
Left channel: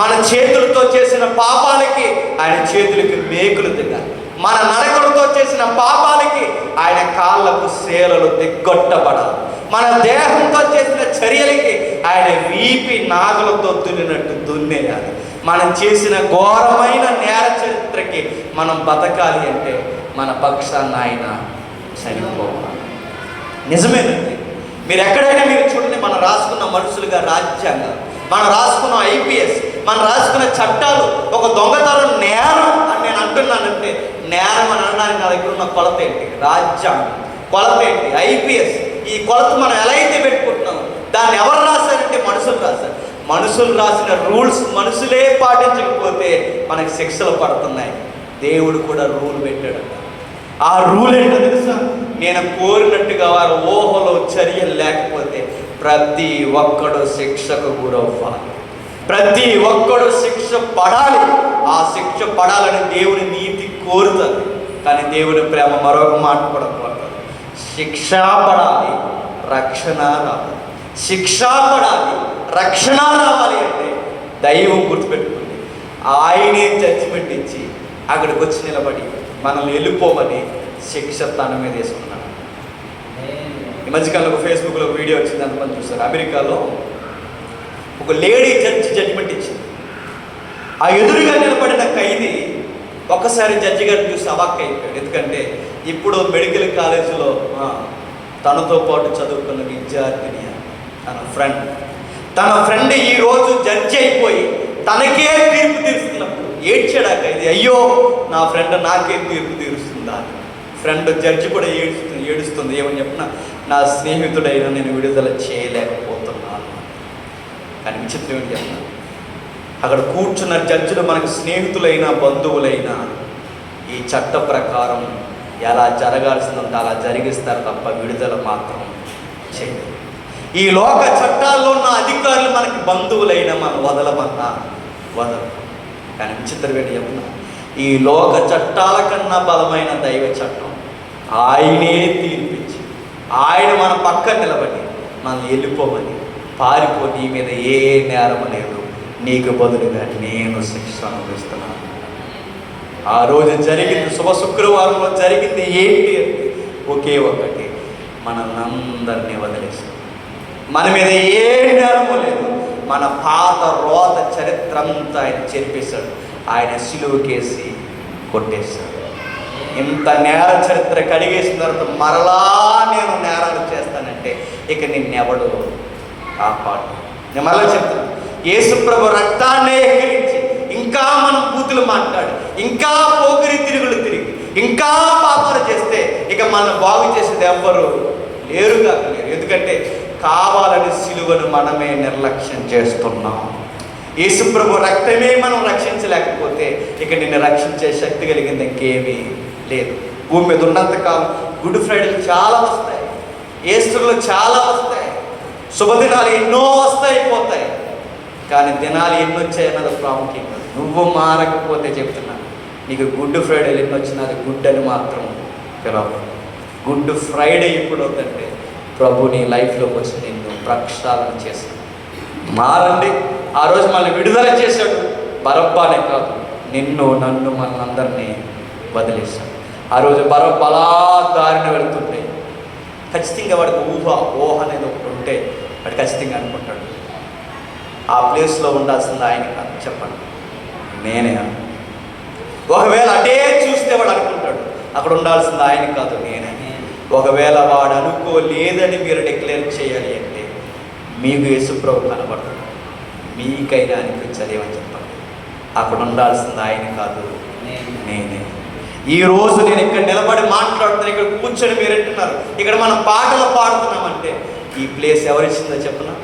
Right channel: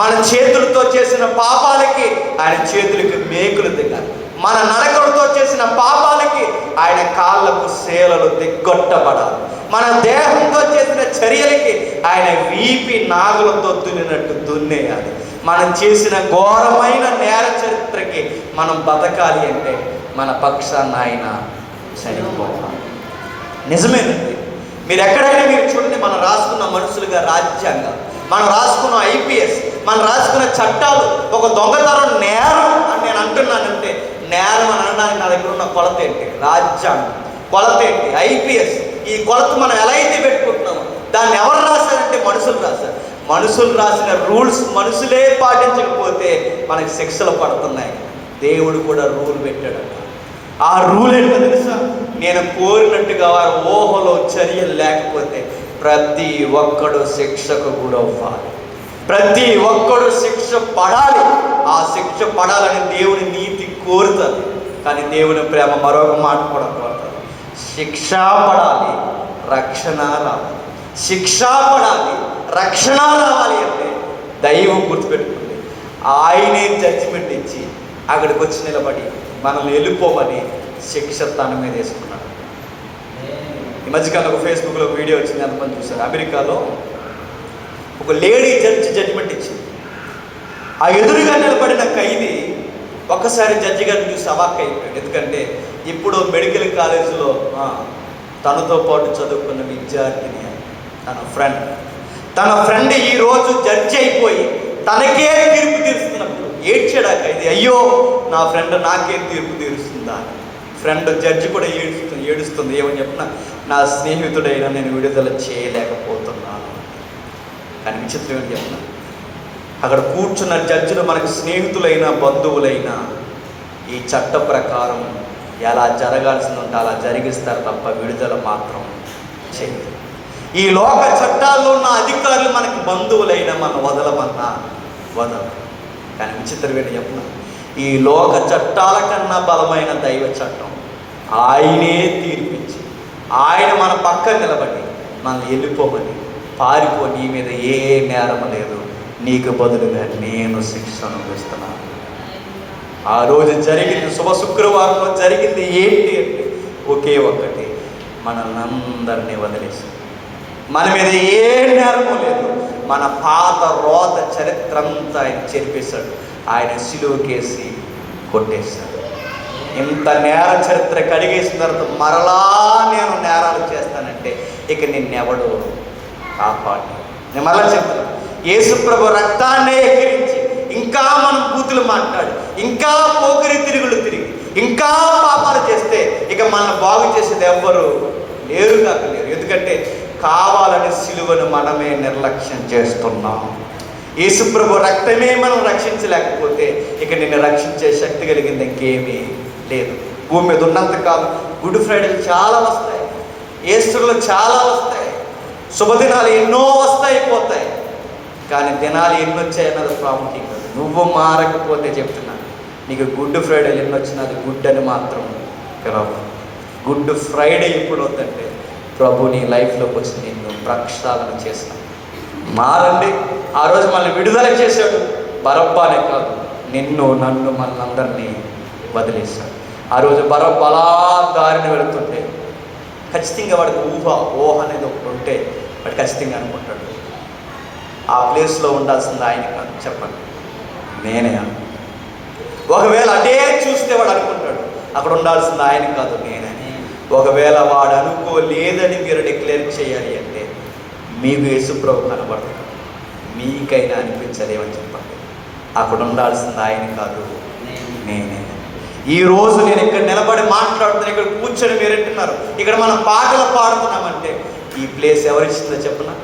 మన చేతులతో చేసిన పాపాలకి ఆయన చేతులకి మేకులు దిగాలి. మన నరకలతో చేసిన పాపాలకి ఆయన కాళ్ళకు శేలలు దిగ్గొట్టబడాలి. మన దేహంతో చేసిన చర్యలకి ఆయన వీపి నాగులతో దున్నినట్టు దున్నేయాలి. మనం చేసిన ఘోరమైన నేర చరిత్రకి మనం బతకాలి అంటే మన పక్షాన్ని ఆయన చనిపోవాలి. నిజమేనండి. మీరు ఎక్కడైనా మీరు చూడండి, మనం రాసుకున్న మనుషులుగా రాజ్యాంగం, మనం రాసుకున్న ఐపీఎస్, మనం రాసుకున్న చట్టాలు, ఒక దొంగతనం నేరం అని నేను అంటున్నానంటే నేరం అని అనడానికి నా దగ్గర ఉన్న కొలత ఏంటి? రాజ్యాంగం కొలత ఏంటి? ఐపీఎస్. ఈ కొలత మనం ఎలా అయితే పెట్టుకుంటున్నామో దాన్ని ఎవరు రాశారంటే మనుషులు రాశారు. మనుషులు రాసిన రూల్స్ మనుషులే పాటించకపోతే మనకి శిక్షలు పడుతున్నాయి. దేవుడు కూడా రూల్ పెట్టాడట. ఆ రూల్ ఏంటో తెలుసా? నేను కోరినట్టుగా వారు ఊహలో చర్యలు లేకపోతే ప్రతి ఒక్కడు శిక్షకు కూడా అవ్వాలి. ప్రతి ఒక్కడు శిక్ష పడాలి. ఆ శిక్ష పడాలని దేవుని నీతి కోరుతారు. కానీ దేవుని ప్రేమ మరొక మాట పడకూడదు. శిక్ష పడాలి, రక్షణ రావాలి. శిక్ష పడాలి, రక్షణ రావాలి అంటే దైవం గుర్తుపెట్టుకుంది. ఆయనే జడ్జిమెంట్ ఇచ్చి అక్కడికి వచ్చి నిలబడి మనల్ని వెళ్ళిపోమని శిక్ష తన మీద వేసుకున్నాడు. ఈ మధ్యకాలంలో ఫేస్బుక్లో వీడియో వచ్చింది, అంతమంది చూశారు. అమెరికాలో ఒక లేడీ జడ్జి జడ్జిమెంట్ ఇచ్చింది. ఆ ఎదురుగా నిలబడిన ఖైదీ ఒక్కసారి జడ్జి గారిని చూసి అవాక్ అయిపోయాడు. ఎందుకంటే ఇప్పుడు మెడికల్ కాలేజీలో తనతో పాటు చదువుకున్న విద్యార్థిని తన ఫ్రెండ్ ఈరోజు జడ్జి అయిపోయి తనకే తీర్పు తీరుస్తున్నప్పుడు ఏడ్చాడు ఆ ఖైదీ. అయ్యో, నా ఫ్రెండ్ నాకే తీర్పు తీరుస్తుందా? ఫ్రెండ్ జడ్జి కూడా ఏడుస్తుంది. ఏమని చెప్పినా, నా స్నేహితుడైనా నేను విడుదల చేయలేకపోతున్నాను. కానీ విచిత్రం ఏంటి చెప్పిన, అక్కడ కూర్చున్న జడ్జిలు మనకు స్నేహితులైనా బంధువులైనా ఈ చట్ట ప్రకారం ఎలా జరగాల్సిందంటే అలా జరిగిస్తారు తప్ప విడుదల మాత్రం చేయరు. ఈ లోక చట్టాల్లో ఉన్న అధికారులు మనకు బంధువులైనా మనం వదలమన్నా వదలు. కానీ విచిత్రం ఏంటి చెప్పిన, ఈ లోక చట్టాల కన్నా బలమైన దైవ చట్టం ఆయనే తీర్పిచ్చి ఆయన మన పక్కన నిలబడి మనల్ని వెళ్ళిపోమని, పారిపో, నీ మీద ఏ నేరం లేదు, నీకు బదులుగా నేను శిక్ష అనుభవిస్తున్నాను. ఆ రోజు జరిగింది, శుభ శుక్రవారంలో జరిగింది ఏంటి అంటే ఒకే ఒక్కటి, మనల్ని అందరినీ వదిలేసి మన మీద ఏ నేరమూ లేదు. మన పాత రోత చరిత్ర అంతా ఆయన చెరిపేశాడు. ఆయన సిలువకేసి కొట్టేశాడు. ఇంత నేర చరిత్ర కడిగేసిన తర్వాత మరలా నేను నేరాలు చేస్తానంటే ఇక నిన్నెవడు కాపాడు. నేను మరలా చెప్తాను, యేసు ప్రభు రక్తాన్నే ఎక్కిరించి ఇంకా మనం బూతులు మాట్లాడు, ఇంకా పోకిరి తిరుగులు తిరిగి, ఇంకా పాపాలు చేస్తే ఇక మనం బాగు చేసేది ఎవ్వరు లేరుగా లేరు. ఎందుకంటే కావాలని సిలువను మనమే నిర్లక్ష్యం చేస్తున్నాం. యేసు ప్రభు రక్తమే మనం రక్షించలేకపోతే ఇక నిన్ను రక్షించే శక్తి కలిగింది ఇంకేమీ లేదు. భూమి మీద ఉన్నంతకాలం గుడ్ ఫ్రైడేలు చాలా వస్తాయి, ఈస్టర్లు చాలా వస్తాయి, శుభదినాలు ఎన్నో వస్తాయి పోతాయి. కానీ దినాలు ఎన్ని వచ్చాయన్నది ప్రాముఖ్యం. నువ్వు మారకపోతే చెప్తున్నాను, నీకు గుడ్ ఫ్రైడేలు ఎన్ని వచ్చినది గుడ్ అని మాత్రం తెలవదు. గుడ్ ఫ్రైడే ఇప్పుడు వద్దంటే ప్రభు నీ లైఫ్లోకి వచ్చి నిన్ను ప్రక్షాళన చేశాను. మారండి. ఆ రోజు మళ్ళీ విడుదల చేశాడు. బరబ్బానే కాదు, నిన్ను నన్ను మనందరినీ వదిలేశాడు. ఆ రోజు బరబ్బలా దారిని వెళుతుంటే ఖచ్చితంగా వాడికి ఊహ అనేది ఒకటి ఉంటే వాడు ఖచ్చితంగా అనుకుంటాడు, ఆ ప్లేస్లో ఉండాల్సింది ఆయన కాదు, చెప్పండి, నేనే. ఒకవేళ అటే చూస్తే వాడు అనుకుంటాడు అక్కడ ఉండాల్సింది ఆయన కాదు, నేనే. ఒకవేళ వాడు అనుకోలేదని మీరు డిక్లేర్ చేయాలి అంటే మీకు యేసుప్రభు కనబడతాడు. మీకైనా అనిపించదేమని చెప్పండి, అక్కడ ఉండాల్సింది ఆయన కాదు, నేనే. ఈ రోజు నేను ఇక్కడ నిలబడి మాట్లాడుతున్నాను, ఇక్కడ కూర్చొని మీరు వింటున్నారు, ఇక్కడ మనం పాటలు పాడుతున్నామంటే ఈ ప్లేస్ ఎవరిచ్చిందో చెప్పనా?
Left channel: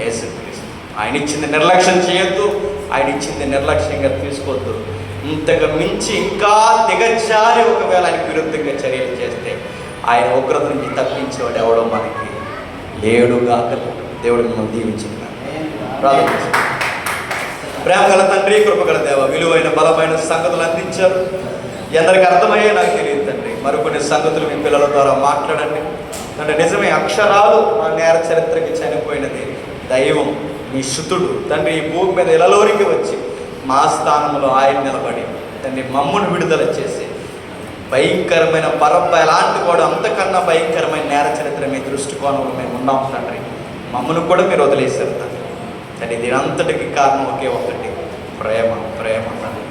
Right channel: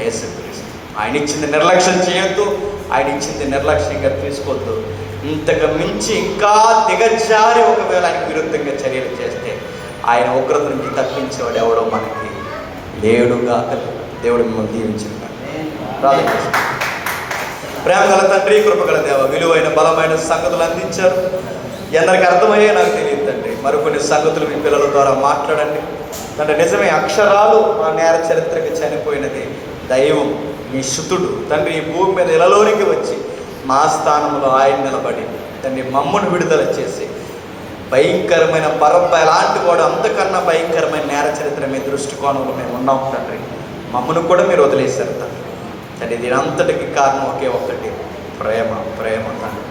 యేసుక్రీస్తు. ఆయన ఇచ్చింది నిర్లక్ష్యం చేయొద్దు, ఆయన ఇచ్చింది నిర్లక్ష్యంగా తీసుకోవద్దు. ఇంతకు మించి ఇంకా దిగజారి ఒకవేళ ఆయనకు విరుద్ధంగా చర్యలు చేస్తే ఆయన ఉగ్రత నుంచి తప్పించేవాడు ఎవడో మనకి లేడుగా. దేవుడు మిమ్మల్ని దీవించింది. ప్రార్థన. ప్రేమగల తండ్రి, కృపగల దేవ, విలువైన బలమైన సంగతులు అందించారు. ఎందరికి అర్థమయ్యే నాకు తెలియదు తండ్రి. మరికొన్ని సంగతులు మీ పిల్లల ద్వారా మాట్లాడండి అంటే నిజమే అక్షరాలు ఆ నేర చరిత్రకి చనిపోయినది దైవం, మీ శుతుడు తండ్రి ఈ భూమి మీద ఇలలోనికి వచ్చి మా స్థానంలో ఆయన నిలబడి తండ్రి మమ్మల్ని విడుదల చేసి భయంకరమైన పరబ్బ ఎలాంటి కూడా అంతకన్నా భయంకరమైన నేర చరిత్ర మీ దృష్టికోణంలో మేము ఉన్నాం తండ్రి. మమ్మల్ని కూడా మీరు వదిలేశారు తండ్రి. తండ్రి దీని అంతటికి కారణం ఒకే ఒకటి, ప్రేమ. ప్రేమ తండ్రి.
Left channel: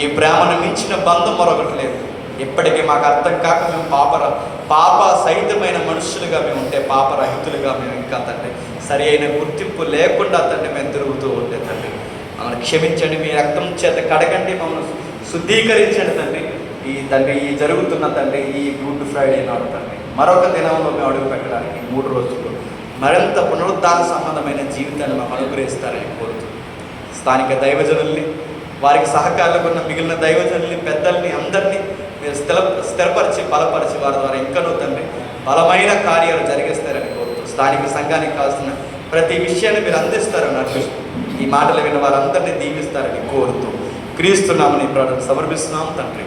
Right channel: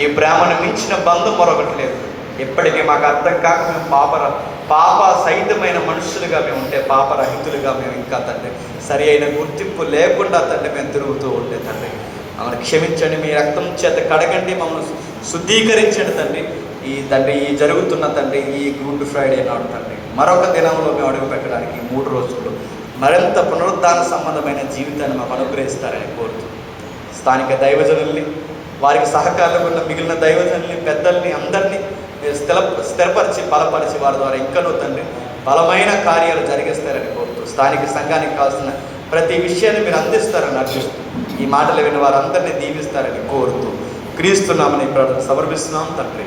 ఈ ప్రేమను మించిన బంధం మరొకటి లేదు. ఎప్పటికీ మాకు అర్థం కాక మేము పాప సహితమైన మనుషులుగా మేము ఉంటే, పాపరహితులుగా మేము ఇంకా తండ్రి సరి అయిన గుర్తింపు లేకుండా తండ్రి మేము తిరుగుతూ ఉంటే తండ్రి మమ్మల్ని క్షమించండి. మీ రక్తం చేత కడగండి, మమ్మల్ని శుద్ధీకరించండి తండ్రి. ఈ జరుగుతున్న తండ్రి ఈ గుడ్ ఫ్రైడే నాడు తండ్రి మరొక దినంలో మేము అడుగు పెట్టడానికి 3 రోజులు మరింత పునరుద్ధాన సంబంధమైన జీవితాన్ని మాకు అనుగ్రహిస్తారని కోరుతూ స్థానిక దైవజనుల్ని, వారికి సహకారులకు ఉన్న మిగిలిన దైవజనుల్ని, పెద్దల్ని అందరినీ మీరు స్థిరపరిచి బలపరిచి వారి ద్వారా ఇంకనూ తండ్రి బలమైన కార్యాలు జరిగిస్తారని కోరుతూ స్థానిక సంఘానికి కావాల్సిన ప్రతి విషయాన్ని మీరు అందిస్తారని అర్థిస్తూ ఈ మాటలు విన్న వారందరినీ దీవిస్తారని కోరుతూ క్రీస్తు నామమున సమర్పిస్తున్నాం తండ్రి.